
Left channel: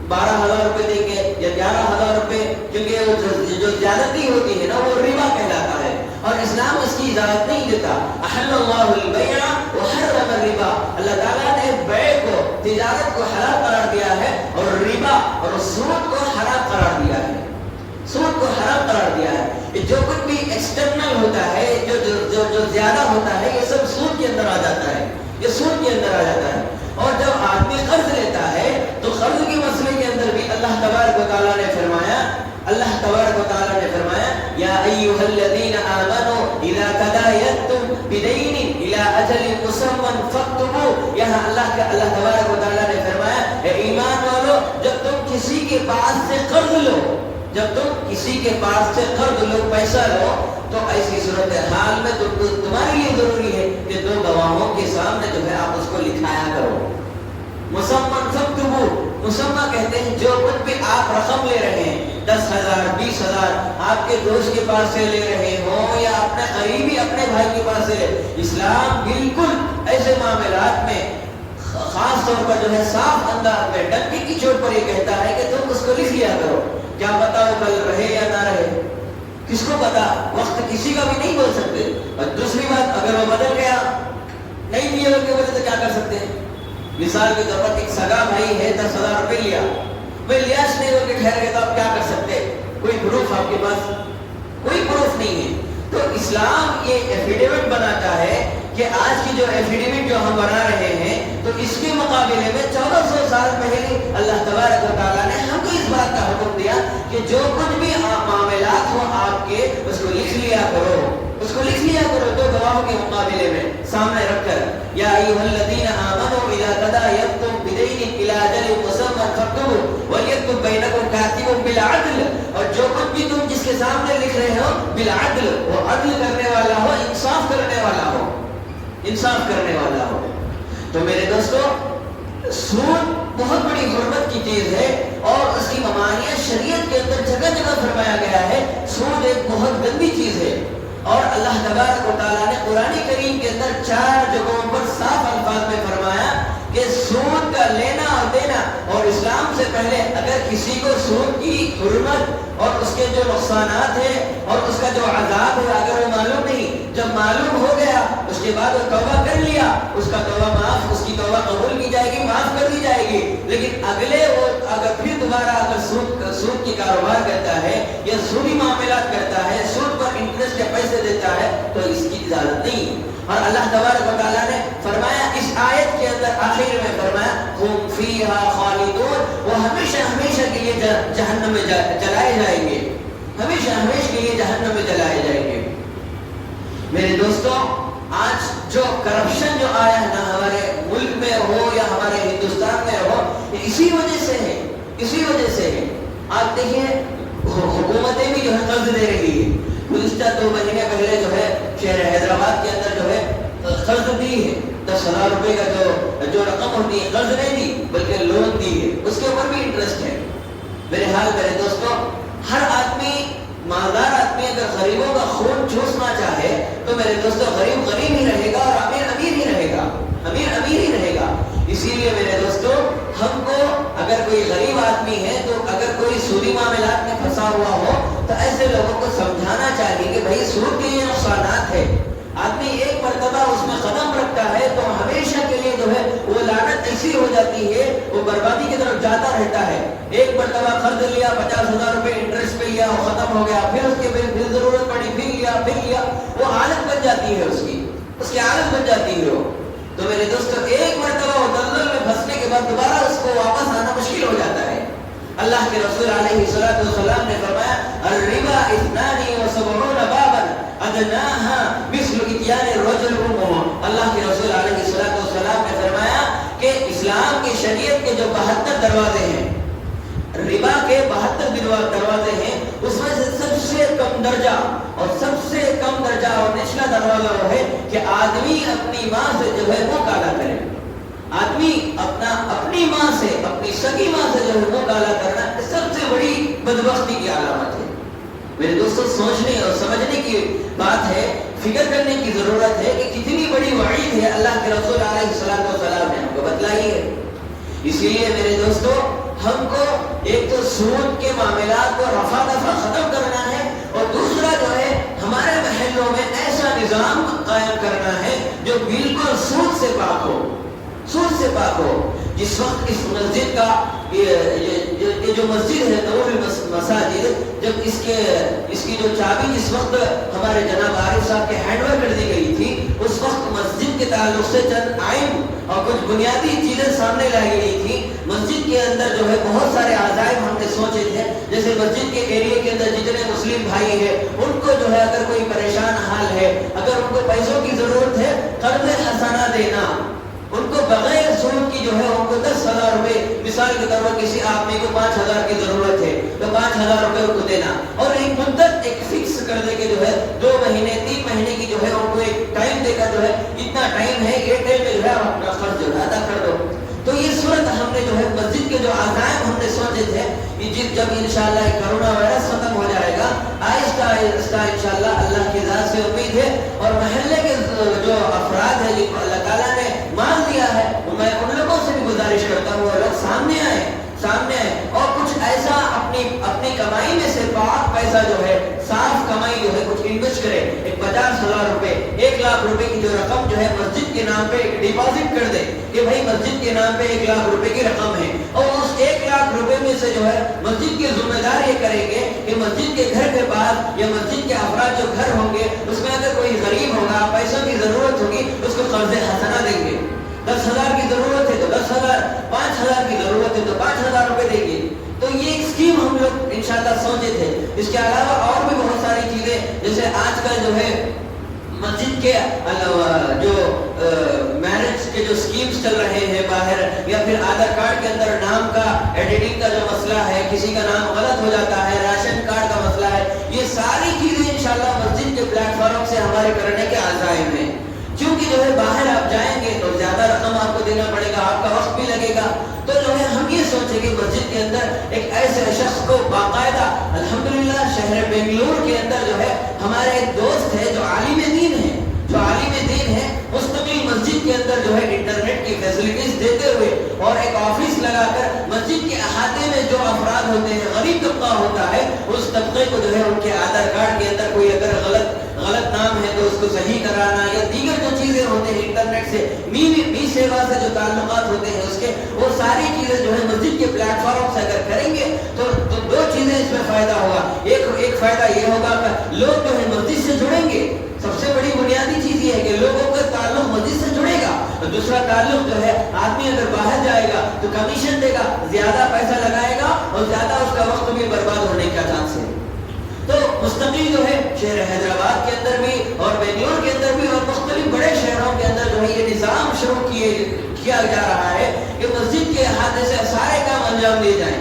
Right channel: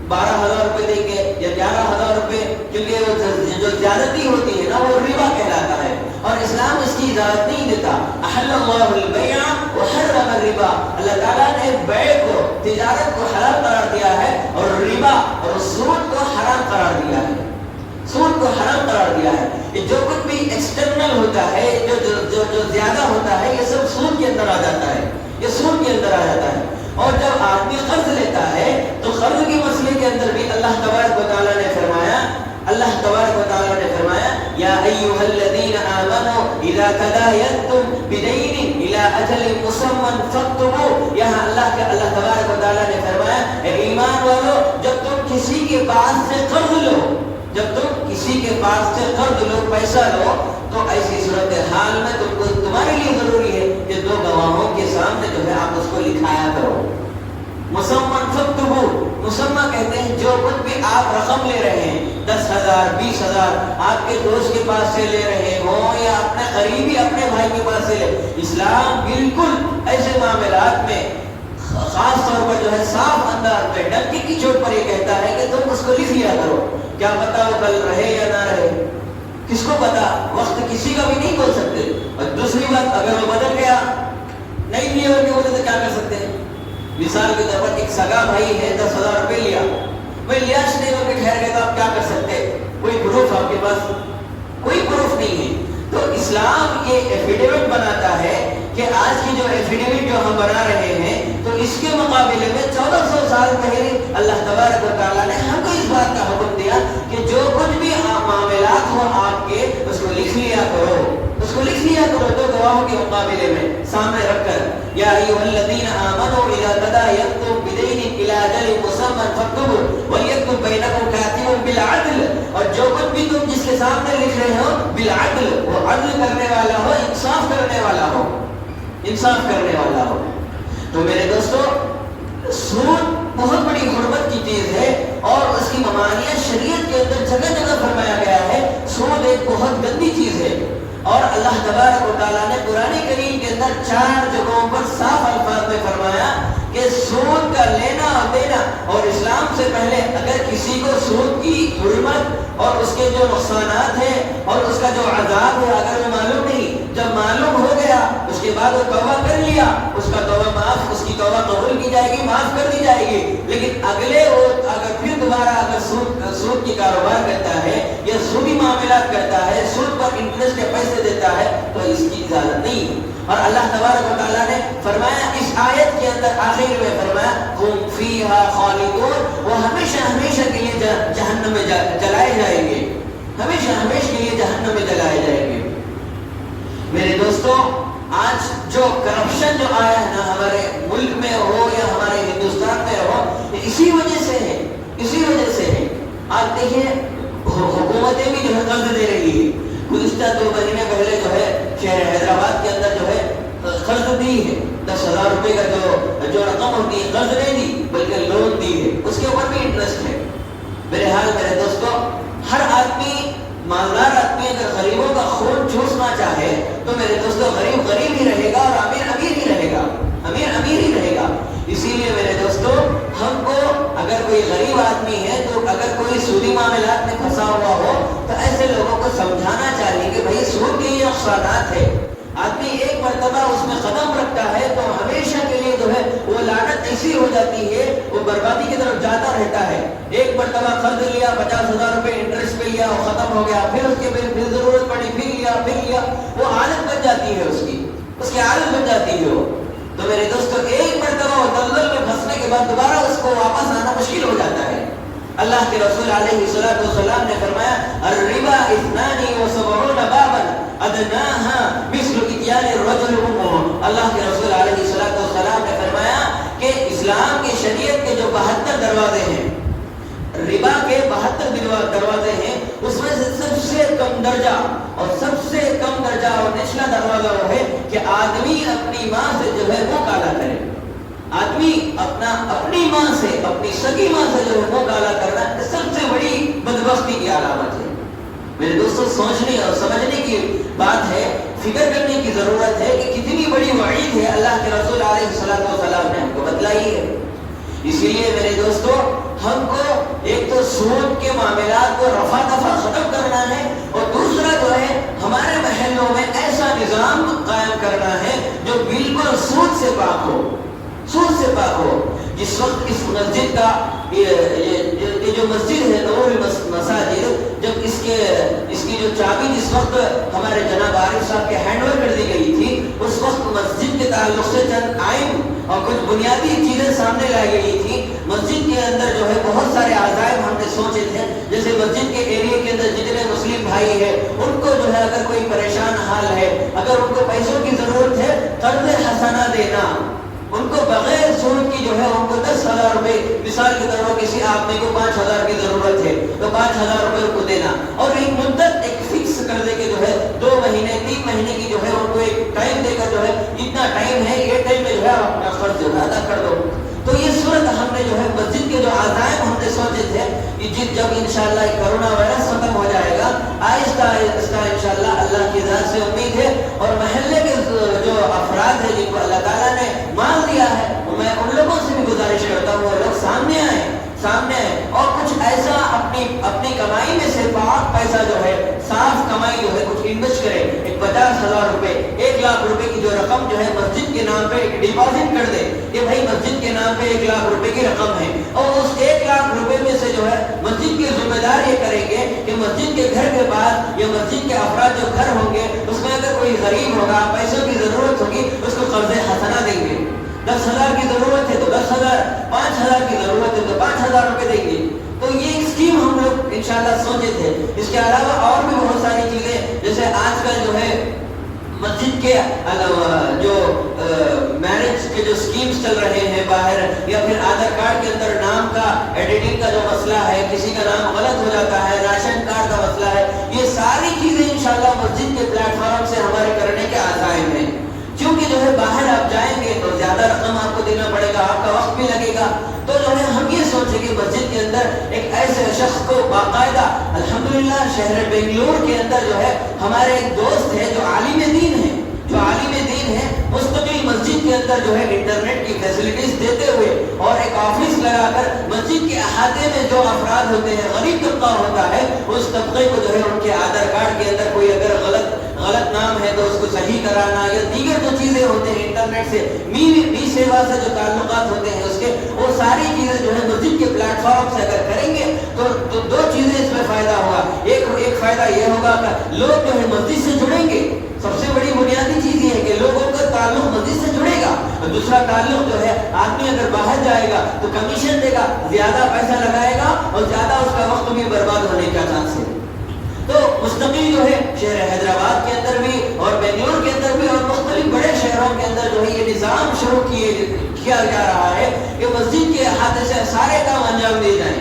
12,000 روپے دیں گے یا 11,000 روپے، کیونکہ جو زیادتی ہوتی ہے نا وہ ربا کہلاتا ہے، اور اسلام اس کی اجازت نہیں دیتا۔ احل اللہ البیع وحرم الربا، اللہ تعالیٰ نے بیع کو، تجارت کو حلال قرار دیا ہے، اور ربا اور سود کو حرام قرار دیا ہے، سود کو حرام قرار دیا ہے۔ یہ جو کچھ بھی ایکسٹرنل ہوتا ہے، جو زیادہ ہوتا ہے، یہ سب سود کے اندر آ جاتا ہے، یہ سود کے اندر آ جاتا ہے۔ اور جب آدمی قرض لیتا ہے تو قرض کے مسئلے کے اندر بھی اللہ تبارک و تعالیٰ نے فرمایا، اللہ تبارک و تعالیٰ نے فرمایا یا ایھا الذین آمنوا اذا تداینتم بدین الی اجل مسمى فاکتبوہ، یہاں اللہ تبارک و تعالیٰ نے فرمایا اے ایمان والو، جب تم کسی کے پاس سے قرض لو، جب تم کسی کے پاس سے قرض لو، پیسہ لو، تو ایسی صورتحال میں تمہارے لیے ضروری ہے کہ دو گواہوں کے سامنے جو ہے آپ اس کو لکھایا کرو۔ مسمى فاکتبوہ، مسمى کہتے ہیں جو کچھ بھی آپ رقم لے رہے ہیں، 10,000 20,000 آپ کے دوست کے پاس سے لے رہے ہوں یا اپنے قریبی اپنے بھائی کے پاس سے، اسلام بالکل ایسے معاملات میں خاص طور پر جو ہے صاف انداز میں ڈنڈی کی چوٹ پر یہ کہتا ہے کہ تم اس کو لکھ لیا کرو، کیا پتا وہ کل رہے یا نہ رہے، کس کو پتا، وقت کسی کا بھی نہیں بول سکتے۔ اور دوسری بات، اگر وہ بدل گیا، نہیں لیے ان کی وجہ سے کیا کر سکتے ہیں؟ مثال کے طور پر ایک سگا بھائی ہے، 10,000 روپے لیا، بھائی لیاش نہیں ہو کے ٹھہر گئے تو آپ کیا کر سکتے؟ کوئی پروف آپ کے پاس کوئی پروف نہیں ہے۔ تو اسلام یہ ایفیڈیوٹ بناتا ہے کہ آج کی جو ایفیڈیوٹ جو ہم بنا رہے ہیں، تو اس کے مقابلے میں 1400 سال پہلے اللہ تبارک و تعالیٰ نے ہم کو اس بات کا حکم دیا کہ جو کچھ بھی معاملات ہو آپ کے، اس کو لکھ لیا کرو، اس کو لکھ لیا کرو دو گواہوں کے مقابلے میں سامنے رکھ کر۔ یا ایھا الذین آمنوا اذا تداینتم بدین الی اجل مسمى فاکتبوہ ولیکتب بینکم کاتب بالعدل، اور جو کچھ بھی تم جس کے سامنے لکھ رہے ہو بالعدل، وہ عدل کرنے والا ہو، انصاف کرنے والا ہو، انصاف کرنے والا ہو۔ تو میرے دوستو، سود بہت بڑی غربت کی چیز ہے، اور اس کی ممانعت شریعت کے اندر جگہ جگہ فرمایا گیا ہے۔ سود ایک بہت گندی چیز ہے، اور اللہ تبارک و تعالیٰ نے قرآن کریم کے اندر 4 جگہوں پر صاف الفاظ میں فرمایا کہ سود کا لینا اور دینا، اور اسلام سے پہلے اگر کسی کو سود کی حرمت اور اس کے جو نقصانات ہیں اور اس کا جو عذاب ہے اگر وہ معلوم نہیں، جب معلوم ہو گیا اس کے بعد وہ توبہ کر لیا، اس کا توبہ معاف، اس کی توبہ قبول کی جائے گی، معاف کر دی جائے گی۔ لیکن اگلے وہ اگر پھر دوبارہ اگر سود کی کاروبار کرتا ہے یا سودی معاملات کرتا ہے، سود پر انٹرسٹ کے پیسے دیتا ہے، تو اس کی اجازت نہیں۔ اور اللہ تبارک و تعالیٰ نے فرمایا اس آیت کے اندر آخر میں فرمایا ہم فیہا خالدون، وہ ہمیشہ ہمیشہ کے لیے جہنم میں جلائے جائیں گے، ہمیشہ ہمیشہ کے لیے جہنم میں جلائے جائیں گے۔ میرے دوستوں، آج جو کرپشن جو آیا ہے نا ہمارے ملک میں ہو یا ہمارے ہندوستان میں ہو، اسی وجہ سے ہے، اسی وجہ سے ہے۔ آپ دیکھیے حکومتیں بھی جو ہے قرض دے رہی ہے، گزشتہ 2 مہینے پہلے جو ہے شہر حیدرآباد کے اندر جو ہے قرض دی ہے، 10,000 روپے کا جو رقم ہوتی ہے قرض نہیں دی بلکہ لون دی ہے، اس کے اوپر بھی انٹرسٹ ہے۔ میرے حال میرے دوستوں، ہر آدمی، مالدار آدمی اگر غریبوں کا خون چوسنا چاہے تو میرے دوستوں غریب غریب ہی رہے گا اور امیر امیر ہی رہے گا، امیر امیر ہی رہے گا۔ اسی لیے میرے دوستوں، ہم کو اگر کوئی غریب آدمی ہے تو اگر کوئی سودی معاملات میں پھنسا ہوا ہو تو ایسے لوگوں کو سمجھانا چاہیے کہ بھائی سود کے یہ نقصانات ہے۔ آدمی ایک مرتبہ اس میں قدم رکھتا ہے تو ہمیشہ کے لیے جو ہے وہ لعنت ایسی ہو جاتی ہے، وہ بربادی کی طرف جاتا رہتا ہے۔ ایک مرتبہ قرض لیا، 50,000 روپے انٹرسٹ پہ لیا، وہ ختم ہو گیا، پھر اس کے پھر ضرورت پڑی، پھر لیا، وہ عادت بن جاتی ہے، اس کی عادت بن جاتی ہے وہ۔ تو میرے دوستوں، ایک مرتبہ وہ دلدل میں پھنسنے کے بعد دوبارہ اس کو واپس آنا مشکل ہو جاتا ہے۔ اللہ کے رسول علیہ السلام نے فرمایا الربا 72 بابا ادناها مثل اتيان الرجل امه۔ اللہ کے رسول علیہ السلام نے فرمایا کہ اسلام کی شریعت کے جو 72 دروازے ہیں، ربا کے 72 دروازے ہیں، اس میں سے سب سے کم درجہ اور سب سے کم درجہ اور نچلا دروازہ وہ ہے کہ آدمی اپنی ماں سے جو ہے وہ کالا کرے، آدمی اپنی ماں سے، اپنی سگی ماں سے جو منہ کالا کرنا سب سے بڑی بدبختی کی علامت ہے۔ میرے دوستوں، سوچنے اور سمجھنے کی بات ہے فکر کرنے کی ضرورت ہے کہ کتنی بڑی وعید ہے اللہ کے رسول علیہ السلام نے ہم کو بتلائی ہے۔ اسی لیے میرے دوستو ہم کو ایک تو سود کے معاملات کو رفع دفع ختم کرنا ہے، اور دوسرا جو ہے ہمارے محلوں میں ایسا نظام قائم کرنا ہے جو بالکل سود سے پاک ہو، سود سے پاک ہو۔ جس وقت اس مسجد کا یہ جو مسجد ہے نور مساجد، جب اس کی جو چابی جس وقت ہمارے جناب عارف صاحب کے ہینڈ اوور کر دی گئی تھی، اس وقت مسجد کے تعلق سے چند آئین اور کچھ بنیادی چیزیں سامنے لائی گئی تھی۔ مسجد کے اندر جو ہے بہت سارے عزائم ہم نے سوچے تھے، جیسے مسجد کے ایریے کے اندر جتنے مسلم بھائی ہیں ان کو جو ہے اگر کوئی پریشان حال ہے، اگر ان کو پیسوں کی ضرورت ہے، قرض حسنہ دینا، ان کو بغیر سود کی جو ہے ان کو 10,000 روپے، مثال کے طور پر کسی آدمی کو 5,000 کی ضرورت ہے تو 5,000 روپے ان کو دینا، اور ایک مدت ایک فکس کر دے کے جو ہے 2 مہینے 3 مہینے کی جو ہے ان کو ایک ٹائم دے کر جو ہے اتنا ٹائم ہے، یہ ٹائم میں جو ہے اپنا قرض جو ہے ادا کر دو۔ تو یہ صورت ہم نے جو ہے مسجد کے جو عزائم ہم نے سوچے تھے، جب انشاءاللہ کرونا وائرس ختم ہو جائے گا آہستہ آہستہ انشاءاللہ اللہ کی ذات سے امید ہے، اور محلے کے جو افراد ہیں جن کو اللہ تعالیٰ نے مان لیا ہے، میں ان لوگوں سے بھی گزارش کرتا ہوں وہ لوگ سامنے آئے اور کچھ ایسا اپنی کمائی میں سے پاک پیسہ جو ہے، صاف کمائی جو ہے کچھ انویسٹ کرے، ایک 50,000 روپے 1 لاکھ روپے کی جو رقم جو ہے مسجد کے نام پہ ڈپازٹ کر دے کہ بھائی مسجد کے نام پہ 1 لاکھ روپے کی رقم ہے، اور اس 1 لاکھ روپے میں سے جو ہے مسجد کے ذمہ دار یہ کریں گے کہ مسجد کے گھر کے پاس یا مسجد کے افراد جو گھر ہوں گے اس میں اگر کوئی غریب ہوگا، پیسوں کی ضرورت ہوگی، اس کو قرض حسنہ دیں گے۔ 10,000 کی ضرورت ہے تو 10,000، 5,000 کی ضرورت ہے تو 5,000 روپے دیں گے۔ تو یہ ایک اسکیم ہم لوگ انشاءاللہ سوچے تھے۔ اس کے علاوہ اور بھی بہت ساری چیزیں، جیسے آج کل جو ہے مسجد کے جو میرج کے جو اسکیمز چل رہے ہیں باہر، یا پھر آدھار کارڈ کے اندر نام کا ایڈیٹنگ کا جو مسئلہ ہے، کسی کا نام غلط ہو جاتا ہے، راشن کارڈ کا مسئلہ ہے، یہ ساری چیزیں انشاءاللہ مسجد کے پلیٹ فارم سے ہمارے کرنے کے عزائم ہیں۔ کیونکہ جو ہے باہر آپ جائیں گے تو زیادہ رقم آپ کو دینا پڑے گا، آپ کا وقت بھی لگے گا، تو جو ہے ہم یہ سوچیں کہ مسجد کے اندر ایک ایسے شخص کو باقاعدہ، الحمدللہ شہر بنگلور کے اندر جو ہے ہمارے ایک دوست ہے جو عالم دین ہے، مستقل مسجد کے اندر جو ہے انٹرنیٹ کی فیسلٹیز دیتے ہوئے اور ایک آفس لگا کر مسجد کے احاطے میں جو افراد ہوتے ہیں، غریب طبقہ ہوتا ہے، اس طبقے کو جو ہے ان کے آدھار کارڈ کے اندر کوئی اگر غلط نام ہے تو اس کو صحیح کرانا، یا دیگر جو چیزیں ہوتے ہیں انٹرنیٹ سے می سیوا سے جو تعلقات ہوتے ہیں اس کے، وہ ساری چیزیں جو ہے مسجد کے پلیٹ فارم سے اگر کریں گے تو 2 چیزیں اس میں فائدہ ہوگا۔ ایک فائدہ یہ ہوگا کہ لوگ جو ہے مسجد سے جڑیں گے، سب سے بڑی بنیادی چیز یہ ہے کہ لوگوں کا تعلق مسجد سے جڑے گا، اور دوسرا تعلق جو ہے آدمی اگر باہر جائے گا تو کمیشن دے گا، زیادہ پیسہ لگائے گا اور زیادہ اس کا وقت بھی برباد ہونے کا چانس ہے۔ تو مستقل جو ہے شہر حیدرآباد کے اندر بھی اور بنگلور کے اندر بھی اور مختلف بڑے شہروں کے اندر جو ہے یہ نظام شروع کیا جا رہا ہے کہ مسجد کے احاطے سے سارے کام انجام دیے جائیں،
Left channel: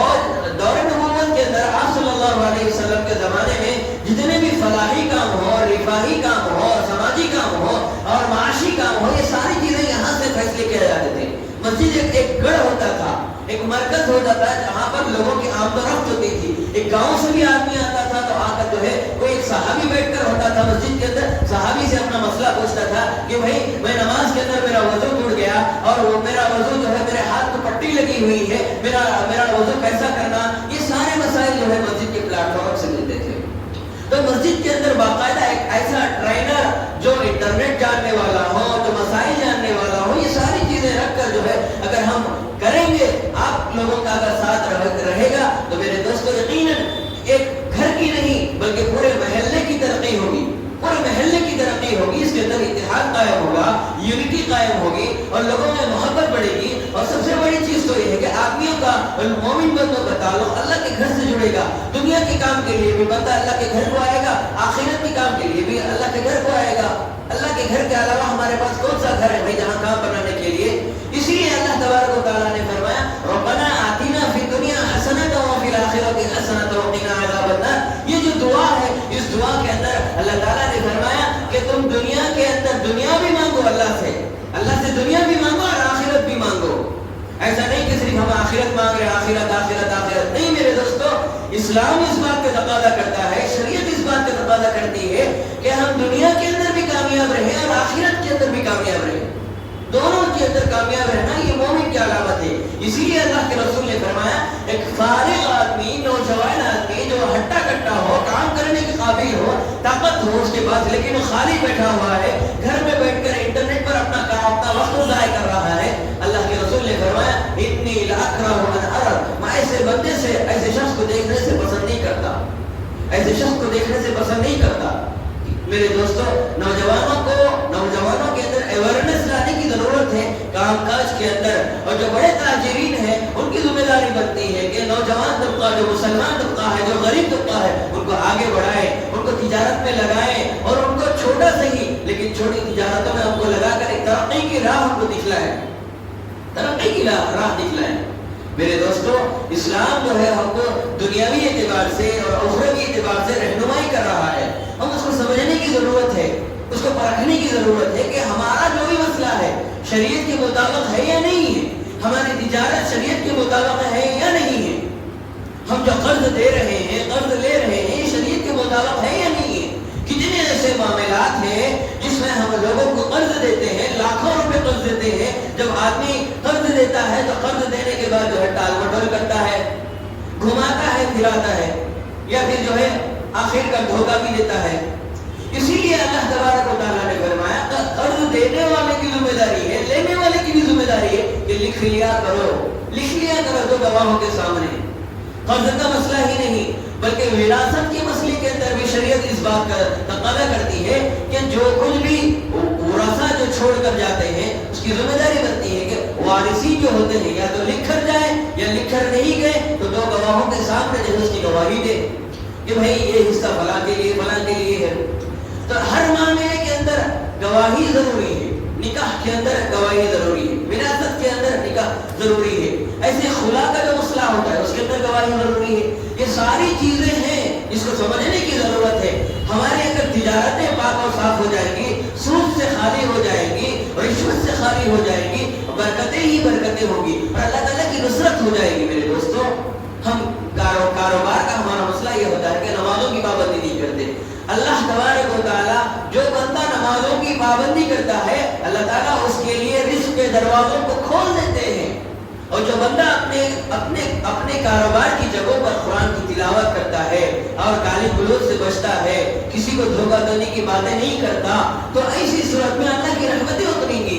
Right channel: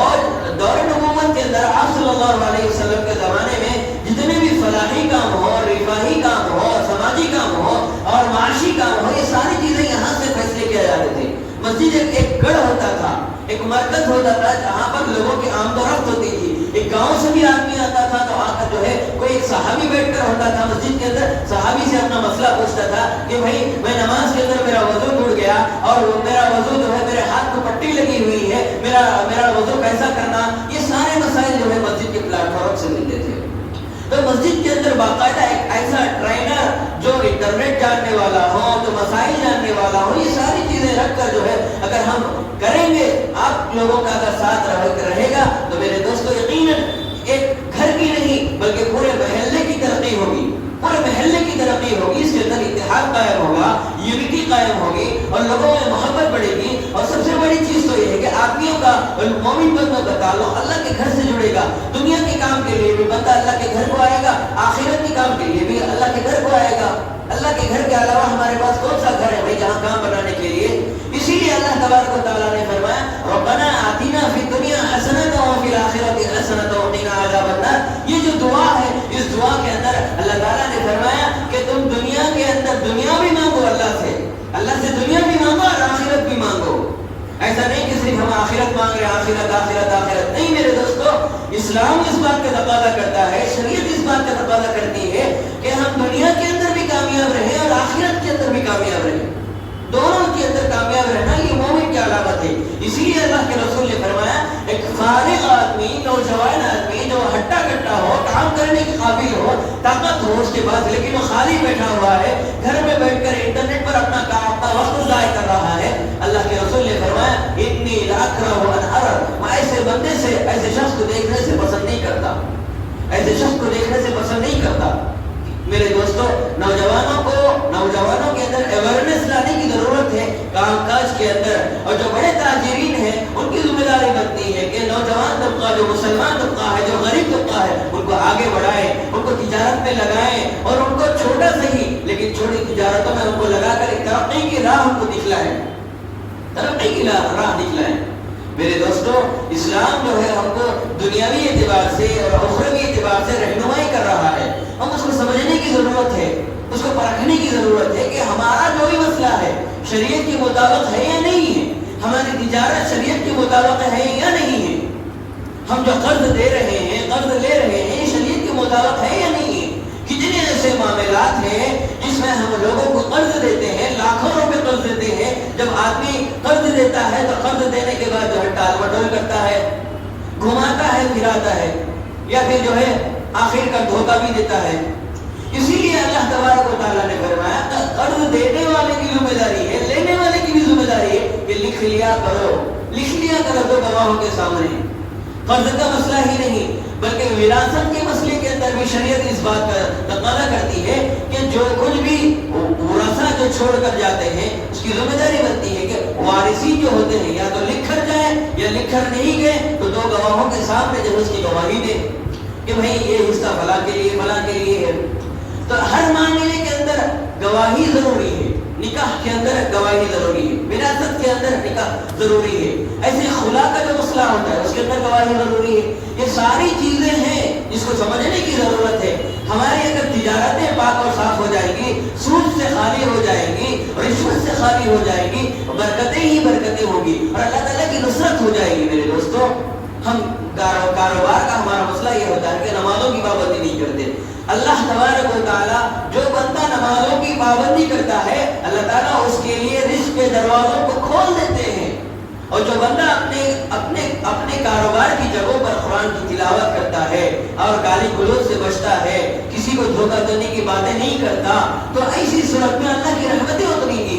اور دور نبوت کے اندر آپ صلی اللہ علیہ وسلم کے زمانے میں جتنے بھی فلاحی کام ہو، رفاہی کام ہو، سماجی کام ہو اور معاشی کام ہو، یہ ساری چیزیں یہاں سے فیصلے کیے جاتے تھے۔ مسجد ایک گڑھ ہوتا تھا، ایک مرکز ہوتا تھا جہاں پر لوگوں کی آمد و رفت ہوتی تھی۔ ایک گاؤں سے بھی آدمی آتا تھا تو وہاں پر جو ہے کوئی ایک صحابی بیٹھ کر ہوتا تھا مسجد کے اندر، صحابی سے اپنا مسئلہ پوچھتا تھا کہ بھائی میں نماز کے اندر میرا وضو ٹوٹ گیا اور وہ میرا وضو جو ہے میرے ہاتھ کو پٹی لگی ہوئی ہے، میرا وضو کیسا کرنا، یہ سارے مسائل جو ہے مسجد کے پلیٹ فارم سے ملتے تھے۔ تو مسجد کے اندر باقاعدہ ایک ایسا ٹرینر جو انٹرنیٹ جاننے والا ہو، تو مسائل جاننے والا ہو، یہ ساری چیزیں رکھ کر جو ہے اگر ہم کریں گے، آپ لوگوں کا اگر ساتھ رہے گا تو میرے دوستو یقیناً ایک گھر کی نہیں بلکہ پورے محلے کی ترقی ہوگی، پورے محلے کی ترقی ہوگی، اس کے اندر اتحاد قائم ہوگا، یونٹی قائم ہوگی اور لوگوں میں محبت بڑھے گی، اور سب سے بڑی چیز تو یہ ہے کہ آدمیوں کا، مومن بندوں کا تعلق اللہ کے گھر سے جڑے گا۔ دنیا کے کام کے لیے بھی بندہ اللہ کے گھر کو آئے گا، آخرت کے کام کے لیے بھی اللہ کے گھر کو آئے گا۔ اللہ کے گھر کے علاوہ ہمارے پاس کون سا گھر ہے بھائی جہاں کام بنانے کے لیے؟ اسی لیے اللہ تبارک و تعالیٰ نے فرمایا ربنا آتنا فی الدنیا حسنۃ وفی الآخرۃ حسنۃ وقنا عذاب النار۔ یہ جو دعا ہے، اس دعا کے اندر اللہ تعالیٰ نے فرمایا کہ تم دنیا کے اندر دنیا بھی مانگو اللہ سے دنیا بھی مانگو اور آخرت بھی مانگو۔ ایسا نہیں کہ صرف ہم آخرت مانگ رہے ہیں، آخرت آخرت آخرت نہیں میرے دوستو، اسلام اس بات کا تقاضا کرتا ہے، شریعت اس بات کا تقاضا کرتی ہے کہ ہم دنیا کے اندر بھی کامیاب رہیں اور آخرت کے اندر بھی کامیاب رہیں، دونوں کے اندر کامیاب رہنا یہ مومن کی علامت ہے۔ اسی لیے اللہ کے رسول نے فرمایا ایک فارغ آدمی، نوجوان آدمی جو ہٹا کٹا ہو، کام کرنے کے قابل ہو، طاقت ہو اس کے پاس، لیکن وہ خالی بیٹھا ہوا ہے، گھر میں بیٹھ کر انٹرنیٹ پر اپنا وقت ضائع کر رہا ہے، اللہ کے رسول نے فرمایا انی لاکرہ ان ارى، میں ایسے بندے سے، ایسے شخص کو دیکھنے سے پسند نہیں کرتا، ایسے شخص کو دیکھنے سے پسند نہیں کرتا۔ میرے دوستو، نوجوانوں کے اندر اویئرنیس لانے کی ضرورت ہے کام کاج کے اندر، اور جو بڑے تاجرین ہیں ان کی ذمہ داری بنتی ہے کہ نوجوان طبقہ، جو مسلمان طبقہ ہے، جو غریب طبقہ ہے، ان کو آگے بڑھائیں، ان کو تجارت میں لگائیں، اور ان کو چھوٹا صحیح لیکن چھوٹی تجارتوں میں ان کو لگا کر ایک ترقی کی راہ ان کو دکھلائیں، ترقی کی راہ دکھلائیں۔ میرے دوستو، اسلام جو ہے ہم کو دنیاوی اعتبار سے اور اخروی اعتبار سے رہنمائی کر رہا ہے، ہم اس کو سمجھنے کی ضرورت ہے، اس کو پرکھنے کی ضرورت ہے کہ ہمارا جو بھی مسئلہ ہے شریعت کے مطابق ہے یا نہیں ہے، ہماری تجارت شریعت کے مطابق ہے یا نہیں ہے، ہم جو قرض دے رہے ہیں، قرض لے رہے ہیں، شریعت کے مطابق ہے یا نہیں ہے۔ کتنے ایسے معاملات ہیں جس میں ہم لوگوں کو قرض دیتے ہیں، لاکھوں روپے قرض دیتے ہیں، جب آدمی قرض دیتا ہے تو قرض دینے کے بعد جو ہے ٹال مٹول کرتا ہے، گھماتا ہے، پھراتا ہے، یا پھر جو ہے آخر کا دھوکہ بھی دیتا ہے۔ اسی لیے اللہ تبارک و تعالیٰ نے فرمایا قرض دینے والے کی ذمہ داری ہے، لینے والے کی بھی ذمہ داری ہے کہ لکھ لیا کرو تو گواہوں کے سامنے۔ قرض کا مسئلہ ہی نہیں بلکہ وراثت کے مسئلے کے اندر بھی شریعت اس بات کا تقاضا کرتی ہے کہ جو کچھ بھی ورثہ جو چھوڑ کر جاتے ہیں اس کی ذمہ داری بنتی ہے کہ وارثین جو ہوتے ہیں یا تو لکھ کر جائیں یا لکھ کر نہیں گئے تو دو گواہوں کے سامنے جو اس کی گواہی دے کہ بھائی یہ حصہ فلاں کے لیے ہے۔ تو ہر معاملے کے اندر گواہی ضروری ہے، نکاح کے اندر گواہی ضروری ہے، وراثت کے اندر نکاح ضروری ہے، ایسے خلا کا جو مسئلہ ہوتا ہے اس کے اندر گواہی ضروری ہے۔ یہ ساری چیزیں ہیں جس کو سمجھنے کی ضرورت ہے۔ ہمارے اگر تجارتیں پاک اور صاف ہو جائیں گی، سود سے خالی ہو جائیں گی، رشوت سے خالی ہو جائیں گی، برکتیں ہی برکتیں ہوگی اور اللہ تعالیٰ کی نصرت ہو جائے گی۔ میرے دوستوں، ہم کاروبار کا ہمارا مسئلہ یہ ہوتا ہے کہ نمازوں کی پابندی نہیں کرتے۔ اللہ تبارک و تعالیٰ جو بندہ نمازوں کی پابندی کرتا ہے اللہ تعالیٰ اس کے لیے رزق کے دروازوں کو کھول دیتے ہیں، اور جو بندہ اپنے کاروبار کی جگہوں پر قرآن کی تلاوت کرتا ہے اور گالی گلوچ سے بچتا ہے، کسی کو دھوکہ دینے کی باتیں نہیں کرتا، تو ایسی صورت میں اللہ کی رحمتیں اتریں گی۔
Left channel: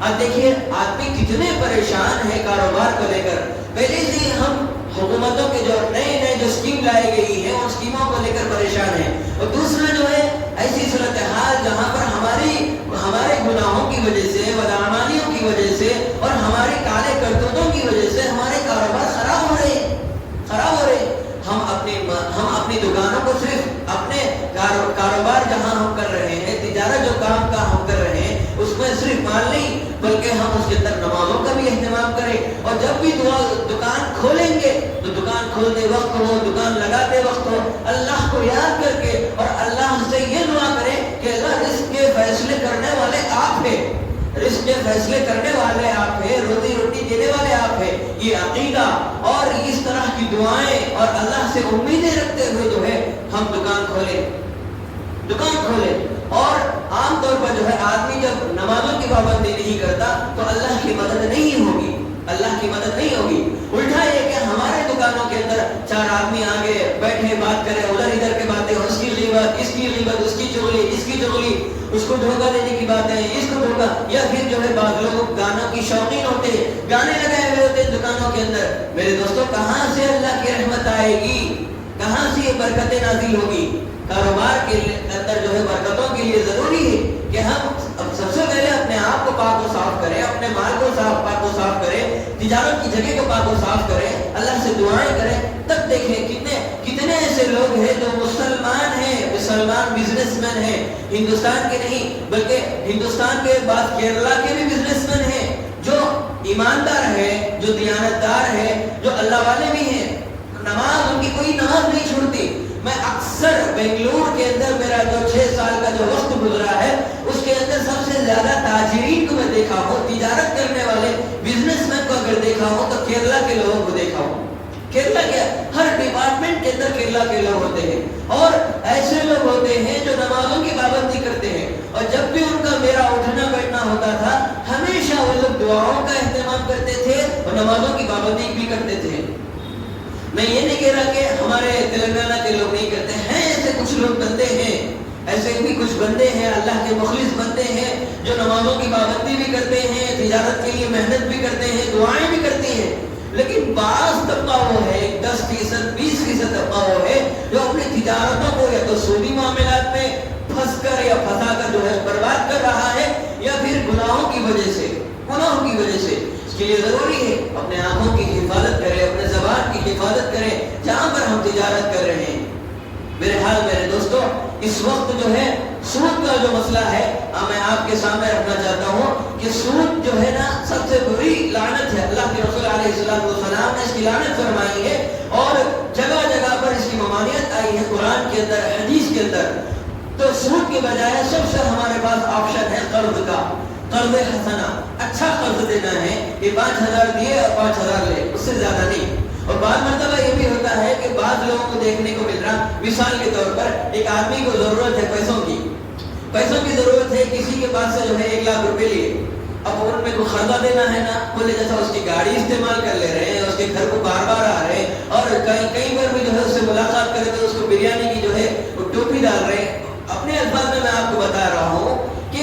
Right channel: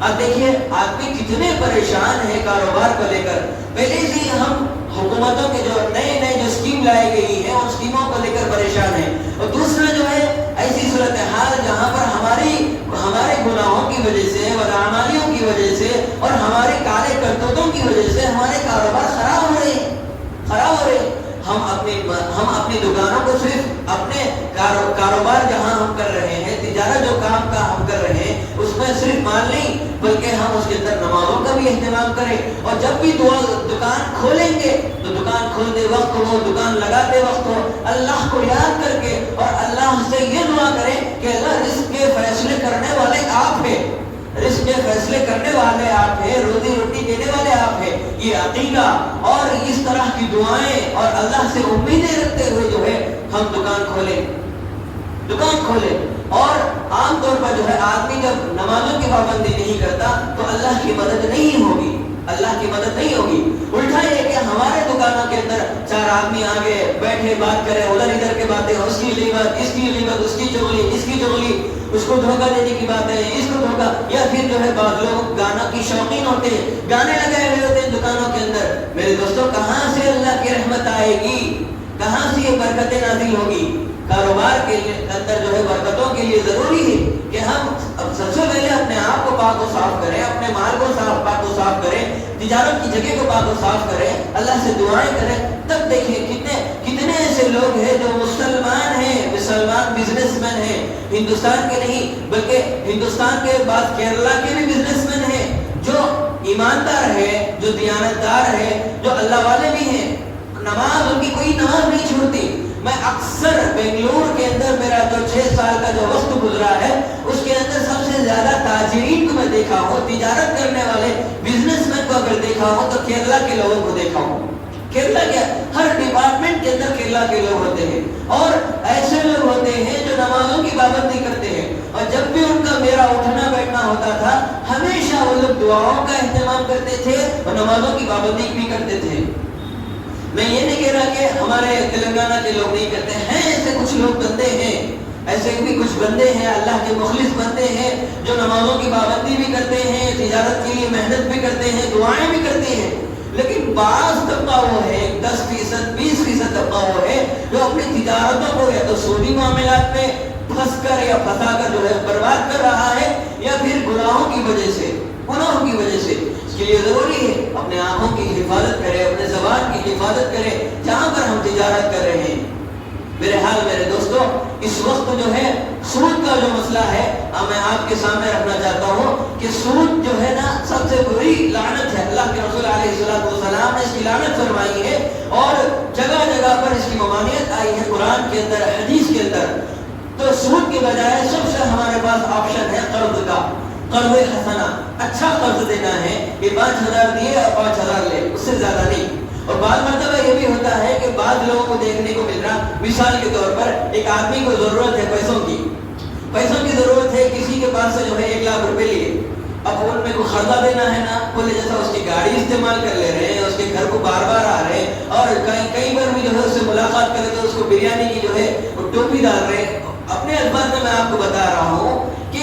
اب دیکھیے آدمی کتنے پریشان ہیں کاروبار کو لے کر۔ پہلے سے ہم حکومتوں کے جو نئے جو اسکیم لائی گئی ہیں ان اسکیموں کو لے کر پریشان ہیں، اور دوسرا جو ہے ایسی صورتحال جہاں پر ہمارے گناہوں کی وجہ سے، بدعمالیوں کی وجہ سے اور ہمارے کالے کرتوتوں کی وجہ سے ہمارے کاروبار خراب ہو رہے ہیں۔ ہم اپنی دکانوں کو صرف اپنے کاروبار جہاں ہم کر رہے ہیں، تجارت جو کام کا ہم کر رہے ہیں اس میں صرف مال نہیں بلکہ ہم اس کے اندر نمازوں کا بھی اہتمام کریں، اور جب بھی دکان کھولیں گے تو دکان کھولتے وقت ہو، دکان لگاتے وقت ہو، اللہ کو یاد کر کے اور اللہ سے یہ دعا کریں کہ اللہ رزق کے فیصلے کرنے والے آپ ہیں، رزق کے فیصلے کرنے والے آپ ہیں، روزی روٹی دینے والے آپ ہیں۔ یہ عقیدہ اور اس طرح کی دعائیں اور اللہ سے امیدیں رکھتے ہوئے جو ہے ہم دکان کھولیں۔ اور عام طور پر جو ہے آدمی جب نمازوں کی پابندی نہیں کرتا تو اللہ کی مدد نہیں ہوگی، الٹا یہ کہ ہمارے دکانوں کے اندر چار آدمی آگے بیٹھے بات کرے، ادھر ادھر کے باتیں، اس کی غیبت، اس کی چغلی، اس کی چغلی، اس کو دھوکہ دینے کی باتیں، اس کو دھوکہ، یا پھر جو ہے بعض لوگ گانا کی شوقین ہوتے ہیں، گانے لگائے ہوئے ہوتے ہیں دکانوں کے اندر۔ میرے دوستوں، کہاں سے اللہ کی رحمت آئے گی، کہاں سے یہ برکتیں نازل ہوگی؟ کاروبار کے اندر جو ہے برکتوں کے لیے ضروری ہے کہ ہم سب سے پہلے اپنے آپ کو پاک و صاف کریں، اپنے مال کو پاک و صاف کریں، تجارت کی جگہ کو پاک و صاف کریں، اللہ سے دعائیں کریں، تب دیکھیں کتنے ایسے لوگ ہیں جو مسلمان بزنس مین ہیں، ہندوستان کے نہیں بلکہ ہندوستان کے بعد کیرلا کے بھی بزنس مین ہیں جو ایماندار ہیں، جو دیانتدار ہیں، جو اللہ والے بھی ہیں، نماز ان کی کوئی نماز نہیں چھوڑتی. میں اکثر بنگلور کے اندر میرا جو 6 سال کا جو وقت گزرا ہے اس کے اندر سب سے زیادہ تاجرین کو میں دیکھا ہوں, تجارت کرنے والے بزنس مین کو اگر دیکھا ہوں تو کیرلا کے لوگوں کو دیکھا ہوں. کیرلا کیا, ہر ڈپارٹمنٹ کے اندر کیرلا کے لوگ ہوتے ہیں اور ایسے لوگ ہوتے ہیں جو نمازوں کی پابندی کرتے ہیں. اور جب بھی ان کا میرا اٹھنا بیٹھنا ہوتا تھا ہمیشہ وہ لوگ دعاؤں کا اہتمام کرتے تھے اور نمازوں کی پابندی بھی کرتے تھے. میں یہ نہیں کہہ رہا کہ ہمارے تلنگانہ کے لوگ نہیں کرتے ہیں, ایسے کچھ لوگ بندے ہیں, ایسے بھی کچھ بندے ہیں اللہ کے مخلص بندے ہیں جو نمازوں کی پابندی بھی کرتے ہیں, تجارت کے لیے محنت بھی کرتے ہیں, دعائیں بھی کرتے ہیں. لیکن بعض طبقہ وہ ہے 10%, 20% طبقہ وہ ہے جو اپنی تجارتوں کو یا تو سودی معاملات میں پھنس کر یا پھنسا کر جو ہے برباد کر رہا ہے, یا پھر گناہوں کی وجہ سے, گناہوں کی وجہ سے. اس کے لیے ضروری ہے اپنے آنکھوں کی حفاظت کرے, اپنے زبان کی حفاظت کرے جہاں پر ہم تجارت کر رہے ہیں. میرے حال میرے دوستو, اس وقت جو ہے سود کا جو مسئلہ ہے میں آپ کے سامنے رکھنا چاہتا ہوں کہ سود جو ہے نا سب سے بری لعنت ہے. اللہ کے رسول علیہ السلام نے اس کی لعنت فرمائی ہے اور جگہ جگہ پر اس کی ممانعت آئی ہے قرآن کے اندر, حدیث کے اندر. تو سود کے بجائے سب سے ہمارے پاس آپشن ہے قرض کا, قرض حسنہ. اچھا قرض دینا ہے کہ 5,000 دیے اور 5,000 لے, اس سے زیادہ نہیں. اور بعض مرتبہ یہ بھی ہوتا ہے کہ بعض لوگوں کو دیکھنے کو مل رہا, مثال کے طور پر ایک آدمی کو ضرورت ہے پیسوں کی ضرورت ہے, کسی کے پاس سے جو ہے 1 لاکھ روپے لیے. اب ان میں کوئی قرضہ دینا ہے نا, بولے جیسا اس کی گاڑی استعمال کر لے رہے ہیں, اس کے گھر کو بار بار آ رہے ہیں اور کئی بار بھی جو ہے اس سے ملاقات کر کے اس کو بریانی کی جو ہے وہ ٹوپی ڈال رہے ہیں. اپنے الفاظ میں آپ کو بتا رہا ہوں کہ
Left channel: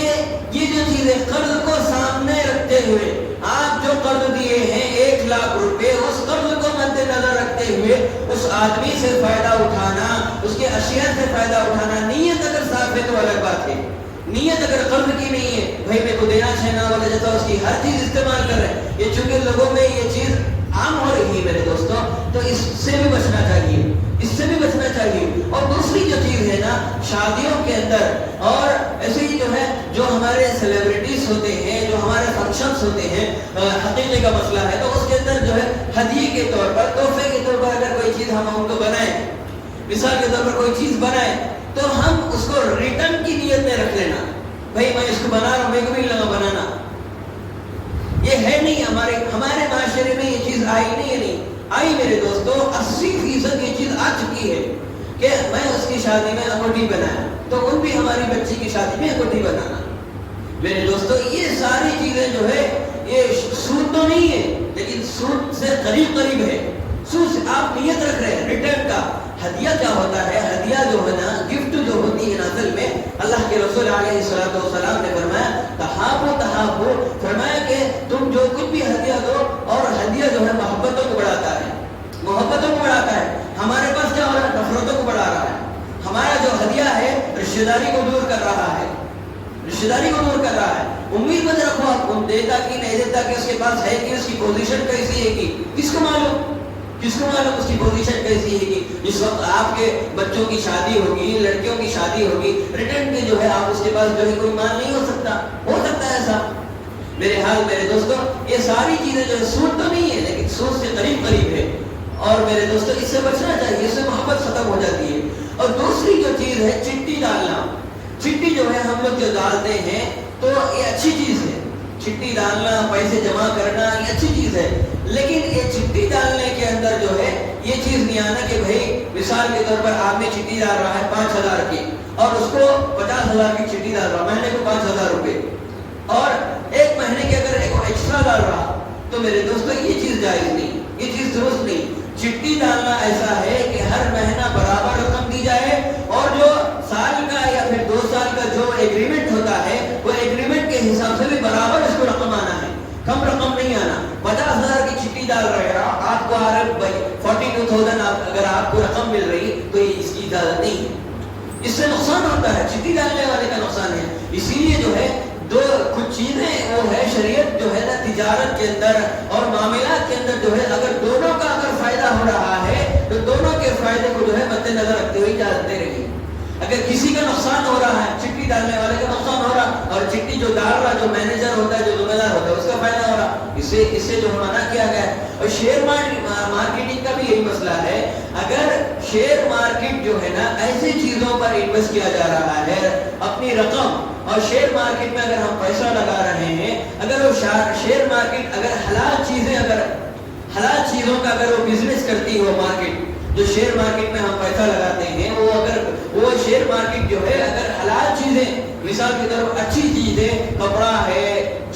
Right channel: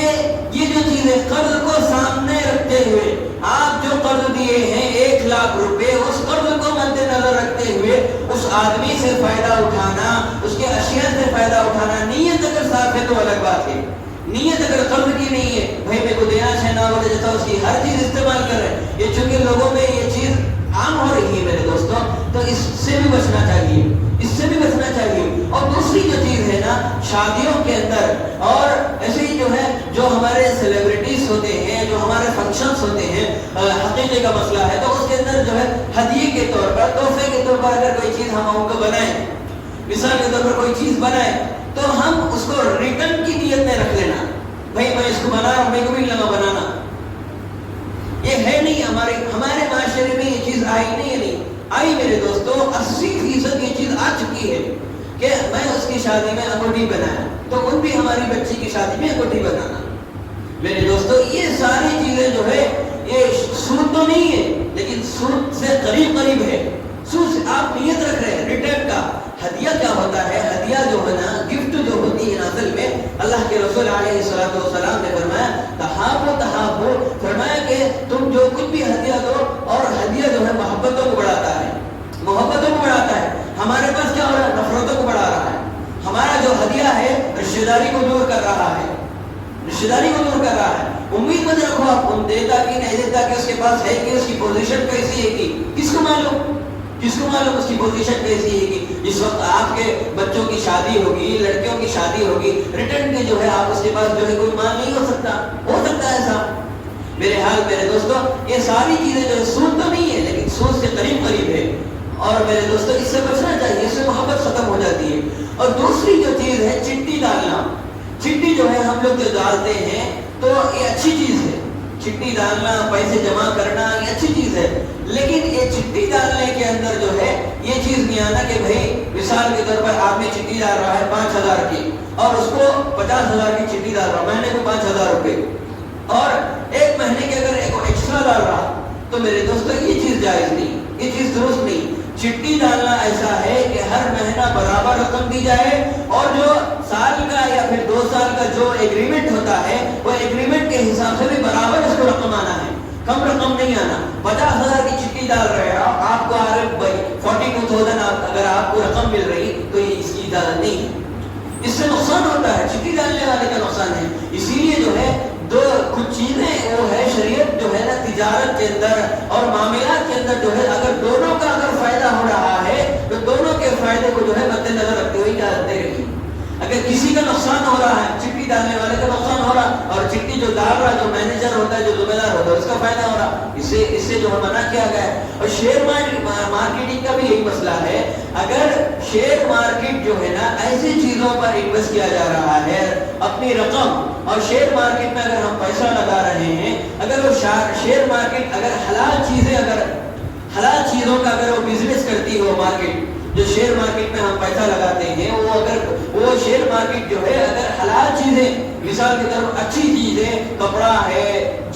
یہ جو چیز ہے قرض کو سامنے رکھتے ہوئے آپ جو قرض دیے ہیں 1 لاکھ روپے, اس قرض کو مد نظر رکھتے ہوئے اس آدمی سے فائدہ اٹھانا, اس کے اشیاء سے فائدہ اٹھانا, نیت اگر صاف ہے تو الگ بات ہے. نیت اگر قرض کی نہیں ہے, بھائی میرے کو دینا چاہنا والے جیسا اس کی ہر چیز استعمال کر رہے ہیں, یہ چونکہ لوگوں میں یہ چیز عام ہو رہی ہے میرے دوستوں, تو اس سے بھی بچنا چاہیے, اس سے بھی بچنا چاہیے. اور دوسری جو چیز ہے نا شادیوں کے اندر اور ایسے ہی جو ہے جو ہمارے سیلیبریٹیز ہوتے ہیں, جو ہمارے فنکشنز ہوتے ہیں, حقیقے کا مسئلہ ہے تو اس کے اندر جو ہے ہدیے کے طور پر, تحفے کے طور پر اگر کوئی چیز ہم ان کو بنائیں, مثال کے طور پر کوئی چیز بنائیں تو ہم اس کو ریٹرن کی نیت میں رکھ لینا, بھائی میں اس کو بنا رہا ہوں, میرے کو بھی لگا بنانا. یہ ہے نہیں ہمارے معاشرے میں یہ چیز آئی نہیں آئی میرے دوستو. 80% یہ چیز آ چکی ہے کہ میں اس کی شادی میں انگوٹھی بنایا تو ان بھی ہماری بچی کی شادی میں انگوٹھی بنانا. میرے دوستو یہ ساری چیزیں جو ہے یہ سود تو نہیں ہے لیکن سود سے قریب ہے. سود سے آپ نیت رکھ رہے ہیں ریٹرن کا. ہدیہ کیا ہوتا ہے, ہدیہ جو ہے نا گفٹ جو ہوتی ہے اصل میں اللہ کے رسول علیہ السلام نے فرمایا تحابو, فرمایا کہ تم جو کچھ بھی ہدیہ دو, اور ہدیہ جو ہے محبتوں کو بڑھاتا ہے, محبتوں کو بڑھاتا ہے. ہمارے پاس کیا ہو رہا ہے, نفرتوں کو بڑھا رہا ہے. ہمارا جو ہدیہ ہے رشتہ داری کو دور کر رہا ہے, رشتہ داری کو دور کر رہا ہے. امید مت رکھو آپ کو دیتا کہ نہیں دیتا, کہ اس کے پاس ہے کہ اس کی پوزیشن کیسی ہے کہ کس کو معلوم اس کی پوزیشن کیسی ہے کہ جس وقت آپ کے بچوں کی شادی ہوگی, لڑکیوں کی شادی ہوگی, ریٹرن کے جو ہے آپ اس کے پاس جو ہے کوئی مال نہیں ہو سکتا ہے ایسا. میرے حال میرے دوستو یہ ساری چیزیں جو ہے سود تو نہیں ہے لیکن سود سے قریب ہے. اور میرے دوستو اس سے بچنا چاہیے, اس سے محبت ختم ہو جاتی ہے. اور دوسری جو چیز ہے چٹی ڈالنا, چٹی جو ہے ہم لوگ جو ڈالتے ہیں تو یہ اچھی چیز ہے. چٹی ڈالنا, پیسے جمع کرنا یہ اچھی چیز ہے, لیکن یہ چٹی ڈالنے کے اندر جو ہے یہ چیز نہیں آنا کہ بھائی مثال کے طور پر آدمی چٹی ڈال رہا ہے 5,000 کی اور اس کو 50,000 کی چٹی ڈال رہا, مہینے کو 5,000 روپے, اور ایک مہینے کے اگر ایک ایکسٹرا ڈال رہا تو میرے دوستوں یہ چیز جائز نہیں, یہ چیز درست نہیں. چٹی ڈالنا ایسا ہے کہ ہر مہینہ برابر رقم دی جائے, اور جو سال کا یا پھر 2 سال کا جو ایگریمنٹ ہوتا ہے وہ ایگریمنٹ کے حساب سے بھی برابر اس کو رقم آنا ہے, کم رقم نہیں آنا. 50,000 کی چٹی ڈال رہے ہیں آپ کو آ رہے 42,000 اگر آپ کو رقم مل رہی تو یہ اس کی اجازت نہیں ہے, اس سے نقصان ہوتا ہے, چٹی ڈالنے والے کا نقصان ہے. اسی لیے جو ہے دو کچھ چیزیں وہ ہے شریعت جو ہے نا تجارت کے اندر اور معاملات کے اندر جو ہے اگر دونوں کا اگر فائدہ ہو رہا ہے تو دونوں کے فائدے کو جو ہے مد نظر رکھتے ہوئے اجازت دے رہی. اگر کسی کا نقصان ہو رہا ہے, چٹی ڈالنے والے کا نقصان ہو رہا, اور چٹی جو ڈال رہا جو مینیجر ہوتا ہے, جو ذمہ دار ہوتا ہے, اس کا فائدہ ہو رہا, اس سے جو منع کیا گیا ہے. اور شیئر مارکیٹنگ کا بھی یہی مسئلہ ہے اگر شیئر مارکیٹ جو ہے نا ایسی چیزوں پر انویسٹ کیا جا رہا ہے اپنی رقم، اور شیئر مارکیٹ میں اگر ہم پیسہ لگا رہے ہیں، اگر وہ شیئر مارکیٹ اگر حلال چیزوں کا اگر وہ بزنس کرتی ہو مارکیٹ، جو شیئر مارکیٹ میں ہم پیسہ لگاتے ہیں وہ شیئر مارکیٹ جو ہے اگر حلال چیزیں، مثال کی طرف اچھی چیزیں، کپڑا ہے،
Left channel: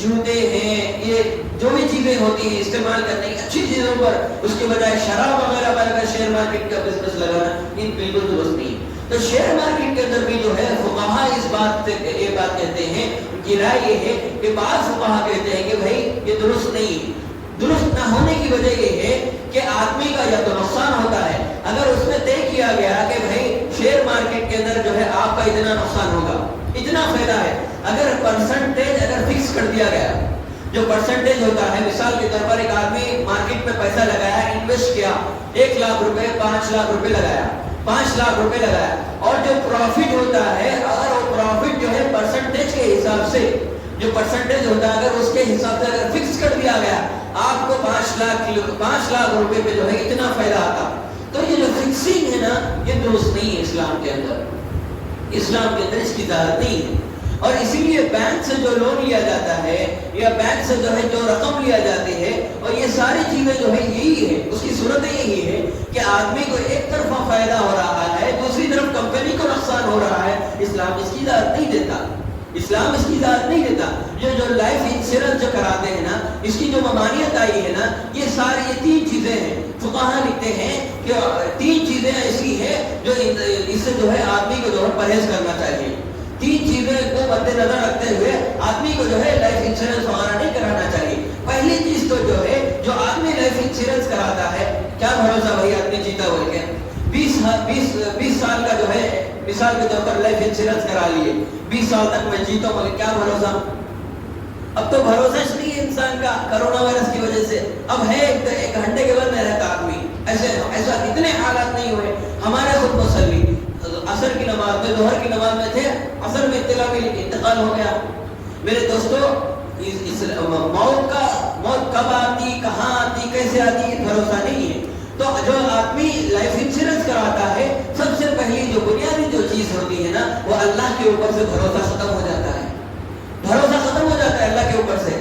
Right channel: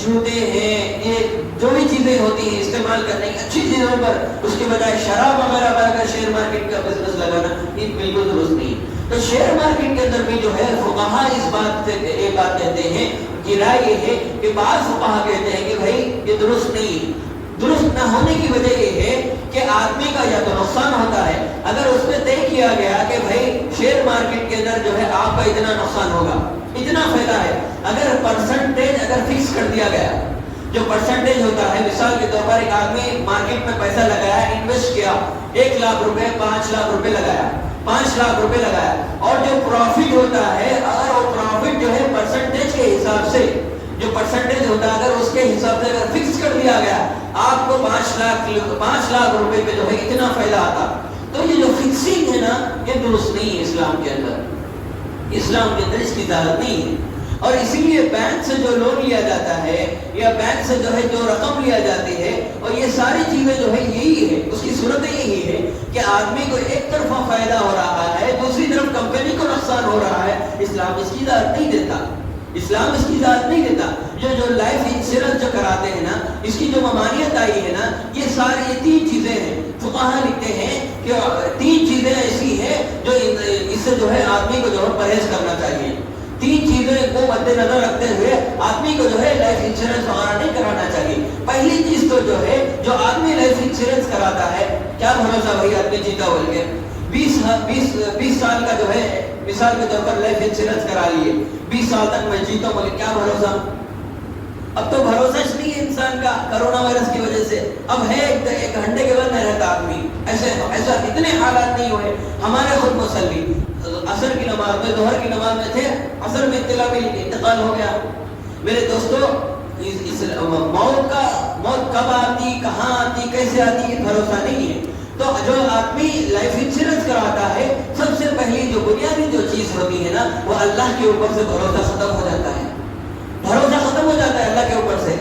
جوتے ہیں، یہ جو بھی چیزیں ہوتی ہیں استعمال کرنے کی اچھی چیزوں پر، اس کے بجائے شراب وغیرہ پر اگر شیئر مارکیٹ کا بزنس لگانا یہ بالکل درست نہیں۔ تو شیئر مارکیٹ کے اندر بھی جو ہے فقہا اس بات سے یہ بات کہتے ہیں، کہ رائے یہ ہے کہ بعض فقہا کہتے ہیں کہ بھائی یہ درست نہیں ہے۔ درست نہ ہونے کی وجہ یہ ہے کہ آدمی کا یا تو نقصان ہوتا ہے، اگر اس میں طے کیا گیا کہ بھائی شیئر مارکیٹ کے اندر جو ہے آپ کا اتنا نقصان ہوگا، اتنا فائدہ ہے، اگر پرسنٹیج اگر فکس کر دیا گیا، جو پرسنٹیج ہوتا ہے، مثال کے طور پر ایک آدمی مارکیٹ میں پیسہ لگایا، انویسٹ کیا، 1 لاکھ روپے، 5 لاکھ روپے لگایا، 5 لاکھ روپے لگایا، اور جو پروفٹ ہوتا ہے، اگر وہ پروفٹ جو ہے پرسنٹیج کے حساب سے، جو پرسنٹیج ہوتا ہے اگر اس کے حساب سے اگر فکس کر دیا گیا، آپ کو 5 لاکھ روپے پہ جو ہے اتنا فائدہ آتا، تو یہ جو فکسنگ ہے نا یہ درست نہیں ہے اسلام کے اندر، اسلام کے اندر اس کی اجازت نہیں ہے۔ اور اسی لیے بینک سے جو لون لیا جاتا ہے یا بینک سے جو ہے جو رقم لیا جاتی ہے، اور یہ ساری چیزیں جو ہے یہی ہے، اس کی صورت یہی ہے کہ آدمی کو ایک طرفہ فائدہ ہو رہا ہے، دوسری طرف کمپنی کو نقصان ہو رہا ہے، اسلام اس کی اجازت نہیں دیتا، اسلام اس کی اجازت نہیں دیتا۔ جو لائف انشورنس جو کراتے ہیں نا، اس کی جو ممانعت آئی ہے نا، یہ ساری 3 چیزیں ہیں۔ فقہا لکھتے ہیں کہ 3 چیزیں ایسی ہیں جو اس سے جو ہے آدمی کو جو ہے پرہیز کرنا چاہیے۔ 3 چیزیں کو مد نظر رکھتے ہوئے آدمی کو جو ہے لائف انشورنس وغیرہ نہیں کرانا چاہیے۔ پہلی چیز تو جو ہے جو آدمی لائف انشورنس کراتا ہے، کیا بھروسہ وہی آدمی جیتا بول کے 20 سال کا جو ہے مثال کے طور پر لائف انشورنس کرا لیے، 20 سال تک میں جیتا بولے، کیا بھروسہ؟ اب تو بھروسہ نہیں ہے انسان کا کرونا وائرس کی وجہ سے، اب ہے 1 گھنٹے کے بعد میں رہتا آدمی، ایسا اتنے حالات نہیں ہوئے۔ ہمارے خود مسلی عصر کی نماز میں، ظہر کی نماز میں تھے، عصر میں اطلاع میں انتقال ہو گیا۔ میرے دوستوں، موت کب آتی، کہاں آتی، کیسے آتی، بھروسہ نہیں ہے۔ تو جو آدمی لائف انشورنس کراتا ہے، سب سے پہلی جو بنیادی جو چیز ہوتی ہے نا، وہ اللہ کے اوپر سے بھروسہ ختم ہو جاتا ہے، بھروسہ ختم ہو جاتا ہے اللہ کے اوپر سے۔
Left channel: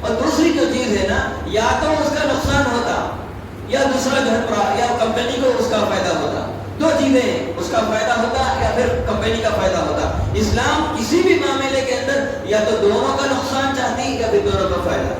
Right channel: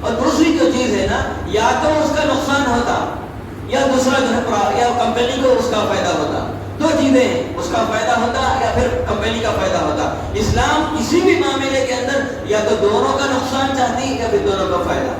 اور دوسری جو چیز ہے نا، یا تو اس کا نقصان ہوتا یا دوسرا جو ہے یا کمپنی کو اس کا فائدہ ہوتا، 2 چیزیں ہیں، اس کا فائدہ ہوتا یا پھر کمپنی کا فائدہ ہوتا۔ اسلام کسی بھی معاملے کے اندر یا تو دونوں کا نقصان چاہتی یا پھر دونوں کا فائدہ،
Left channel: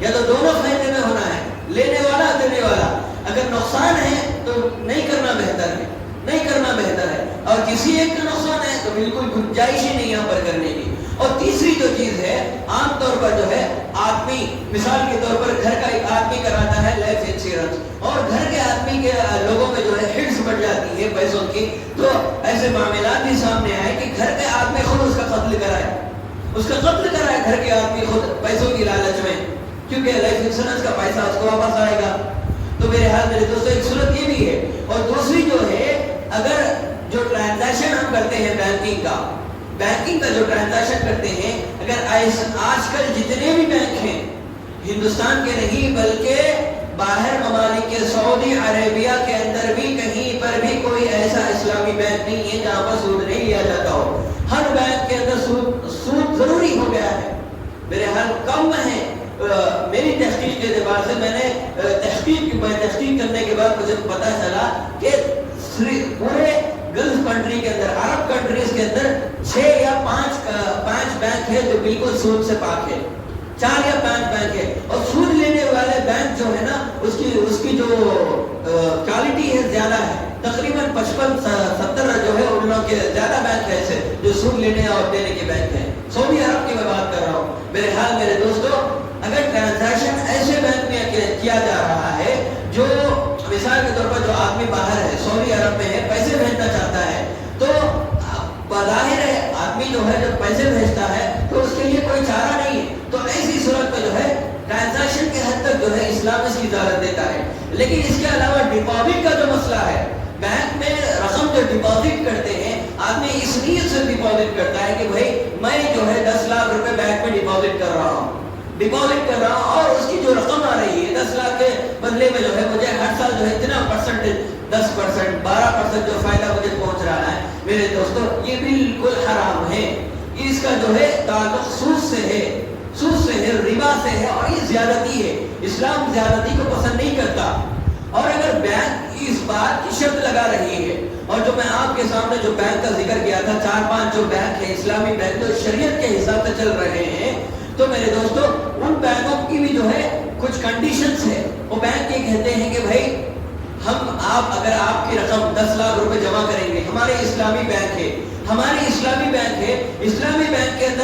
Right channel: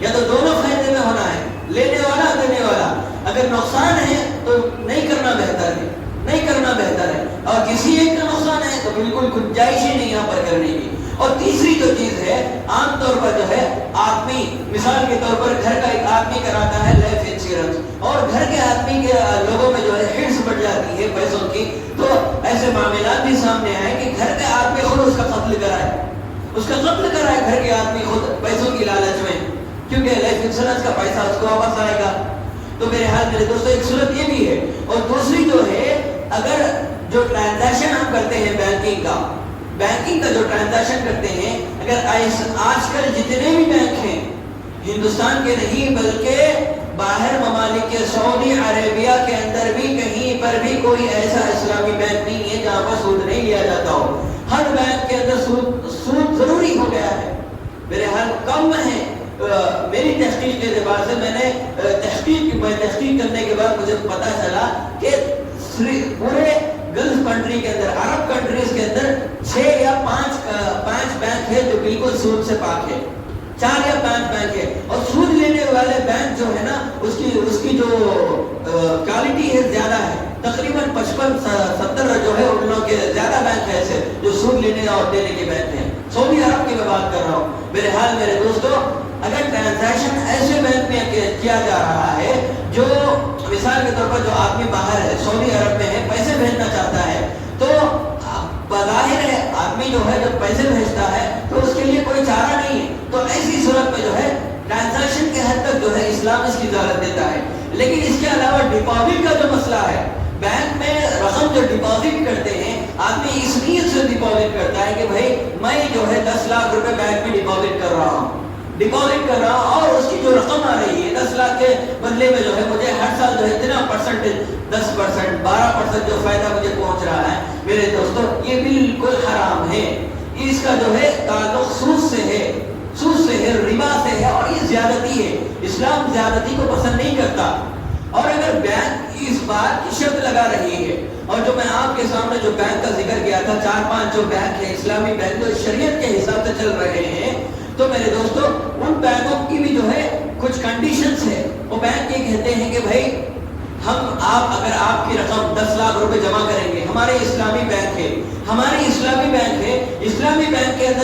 یا تو دونوں فائدے میں ہونا ہے، لینے والا دینے والا۔ اگر نقصان ہے تو نہیں کرنا بہتر ہے، نہیں کرنا بہتر ہے، اور کسی ایک کا نقصان ہے تو بالکل گنجائش ہی نہیں یہاں پر کرنے کی۔ اور تیسری جو چیز ہے، عام طور پر جو ہے آدمی، مثال کے طور پر گھر کا ایک آدمی کراتا ہے لائف انشورنس، اور گھر کے آدمی کے لوگوں میں جو ہے ہرس بڑھ جاتی ہے پیسوں کی، تو ایسے معاملات بھی سامنے آئے کہ گھر کے آدمی خود اس کا قتل کرائے، اس کا قتل کرائے گھر کے آدمی خود پیسوں کی لالچ میں، کیونکہ لائف انشورنس کا پیسہ اس کو واپس آئے گا۔ تو میرے حال میرے دوستوں ایک صورت یہ بھی ہے۔ اور دوسری جو ہے، اگر جو ٹرانزیکشن ہم کرتے ہیں بینکنگ کا جو ٹرانزیکشن کرتے ہیں، اگر آج کل جتنے بھی بینک ہیں ہندوستان کے نہیں بلکہ باہر ممالک کے، سعودی عربیہ کے اندر بھی کہیں پر بھی کوئی ایسا اسلامی بینک نہیں ہے جہاں پر سود نہیں لیا جاتا ہو۔ ہر بینک کے اندر سود ضروری ہو گیا ہے، میرے حال کم ہے۔ میری تحقیق کے اعتبار سے میں نے تحقیق کرنے کے بعد مجھے پتا چلا کہ پورے گلف کنٹری کے اندر، عرب کنٹریز کے اندر 6 یا 5 بینک ہے جو بالکل سود سے پاک ہے، 4 یا 5 بینک ہے۔ اور سود لینے والے بینک جو ہے نا، اس کی جو کوالٹی ہے زیادہ ہے، تقریباً 55-70 جو ہے ان لوگوں کے زیادہ بینک ایسے جو سود لینے اور دینے کے بینک ہیں۔ سعودی عرب کی میں بات کر رہا ہوں۔ میرے حال میرے دوستوں، اگر ٹرانزیکشن ایسے بینک میں کیا جا رہا ہے جو مثال کے طور پر جو آدمی باہر ہے، سعودی عرب میں ہے، پیسے بھیجنا چاہتا ہے، تو بظاہر ہے آدمی جو ہے جب پیسے بھیجتا ہے تو اس کے لیے کوئی چارہ نہیں ہے، تو ایسی صورت میں جو ہے ٹرانزیکشن کے حد تک جو ہے اسلام اس کی اجازت دیتا ہے۔ لیکن اس کے علاوہ ڈپازٹ کا جو مسئلہ ہے، بینک میں رقم جو ڈپازٹ کرتے ہیں، آدمی اس نیت سے ڈپازٹ کرتا ہے کہ بھائی میں جو ہے 10 لاکھ روپے بینک میں ڈپازٹ کر رہا ہوں، اور اس کی جو رقم آ رہی ہے 10 لاکھ کے بدلے میں جو ہے مجھے ہر سال جو ہے اتنا پرسنٹیج 10%, 12% جو فائدہ مجھے پہنچ رہا ہے میرے دوستوں، یہ بالکل حرام ہے. اس کا جو ہے تعلق سود سے ہے، ربا سے ہے، اور یہ زیادتی ہے. اسلام زیادتی کو پسند نہیں کرتا. اور اگر بینک اس بات کی شرط لگا رہی ہے، اور جو میں آپ کے سامنے جو بینک کا ذکر کیا تھا، 4-5 جو بینک ہے اسلامی بینک جو شریعت کے حساب سے چل رہے ہیں، تو میرے دوستوں ان بینکوں کی بھی جو ہے کچھ کنڈیشنز ہے. وہ بینک یہ کہتے ہیں کہ بھائی اگر آپ کی رقم 10 لاکھ روپے جمع کریں گے، ہمارے اسلامی بینک ہے، اسلامی بینک کے اندر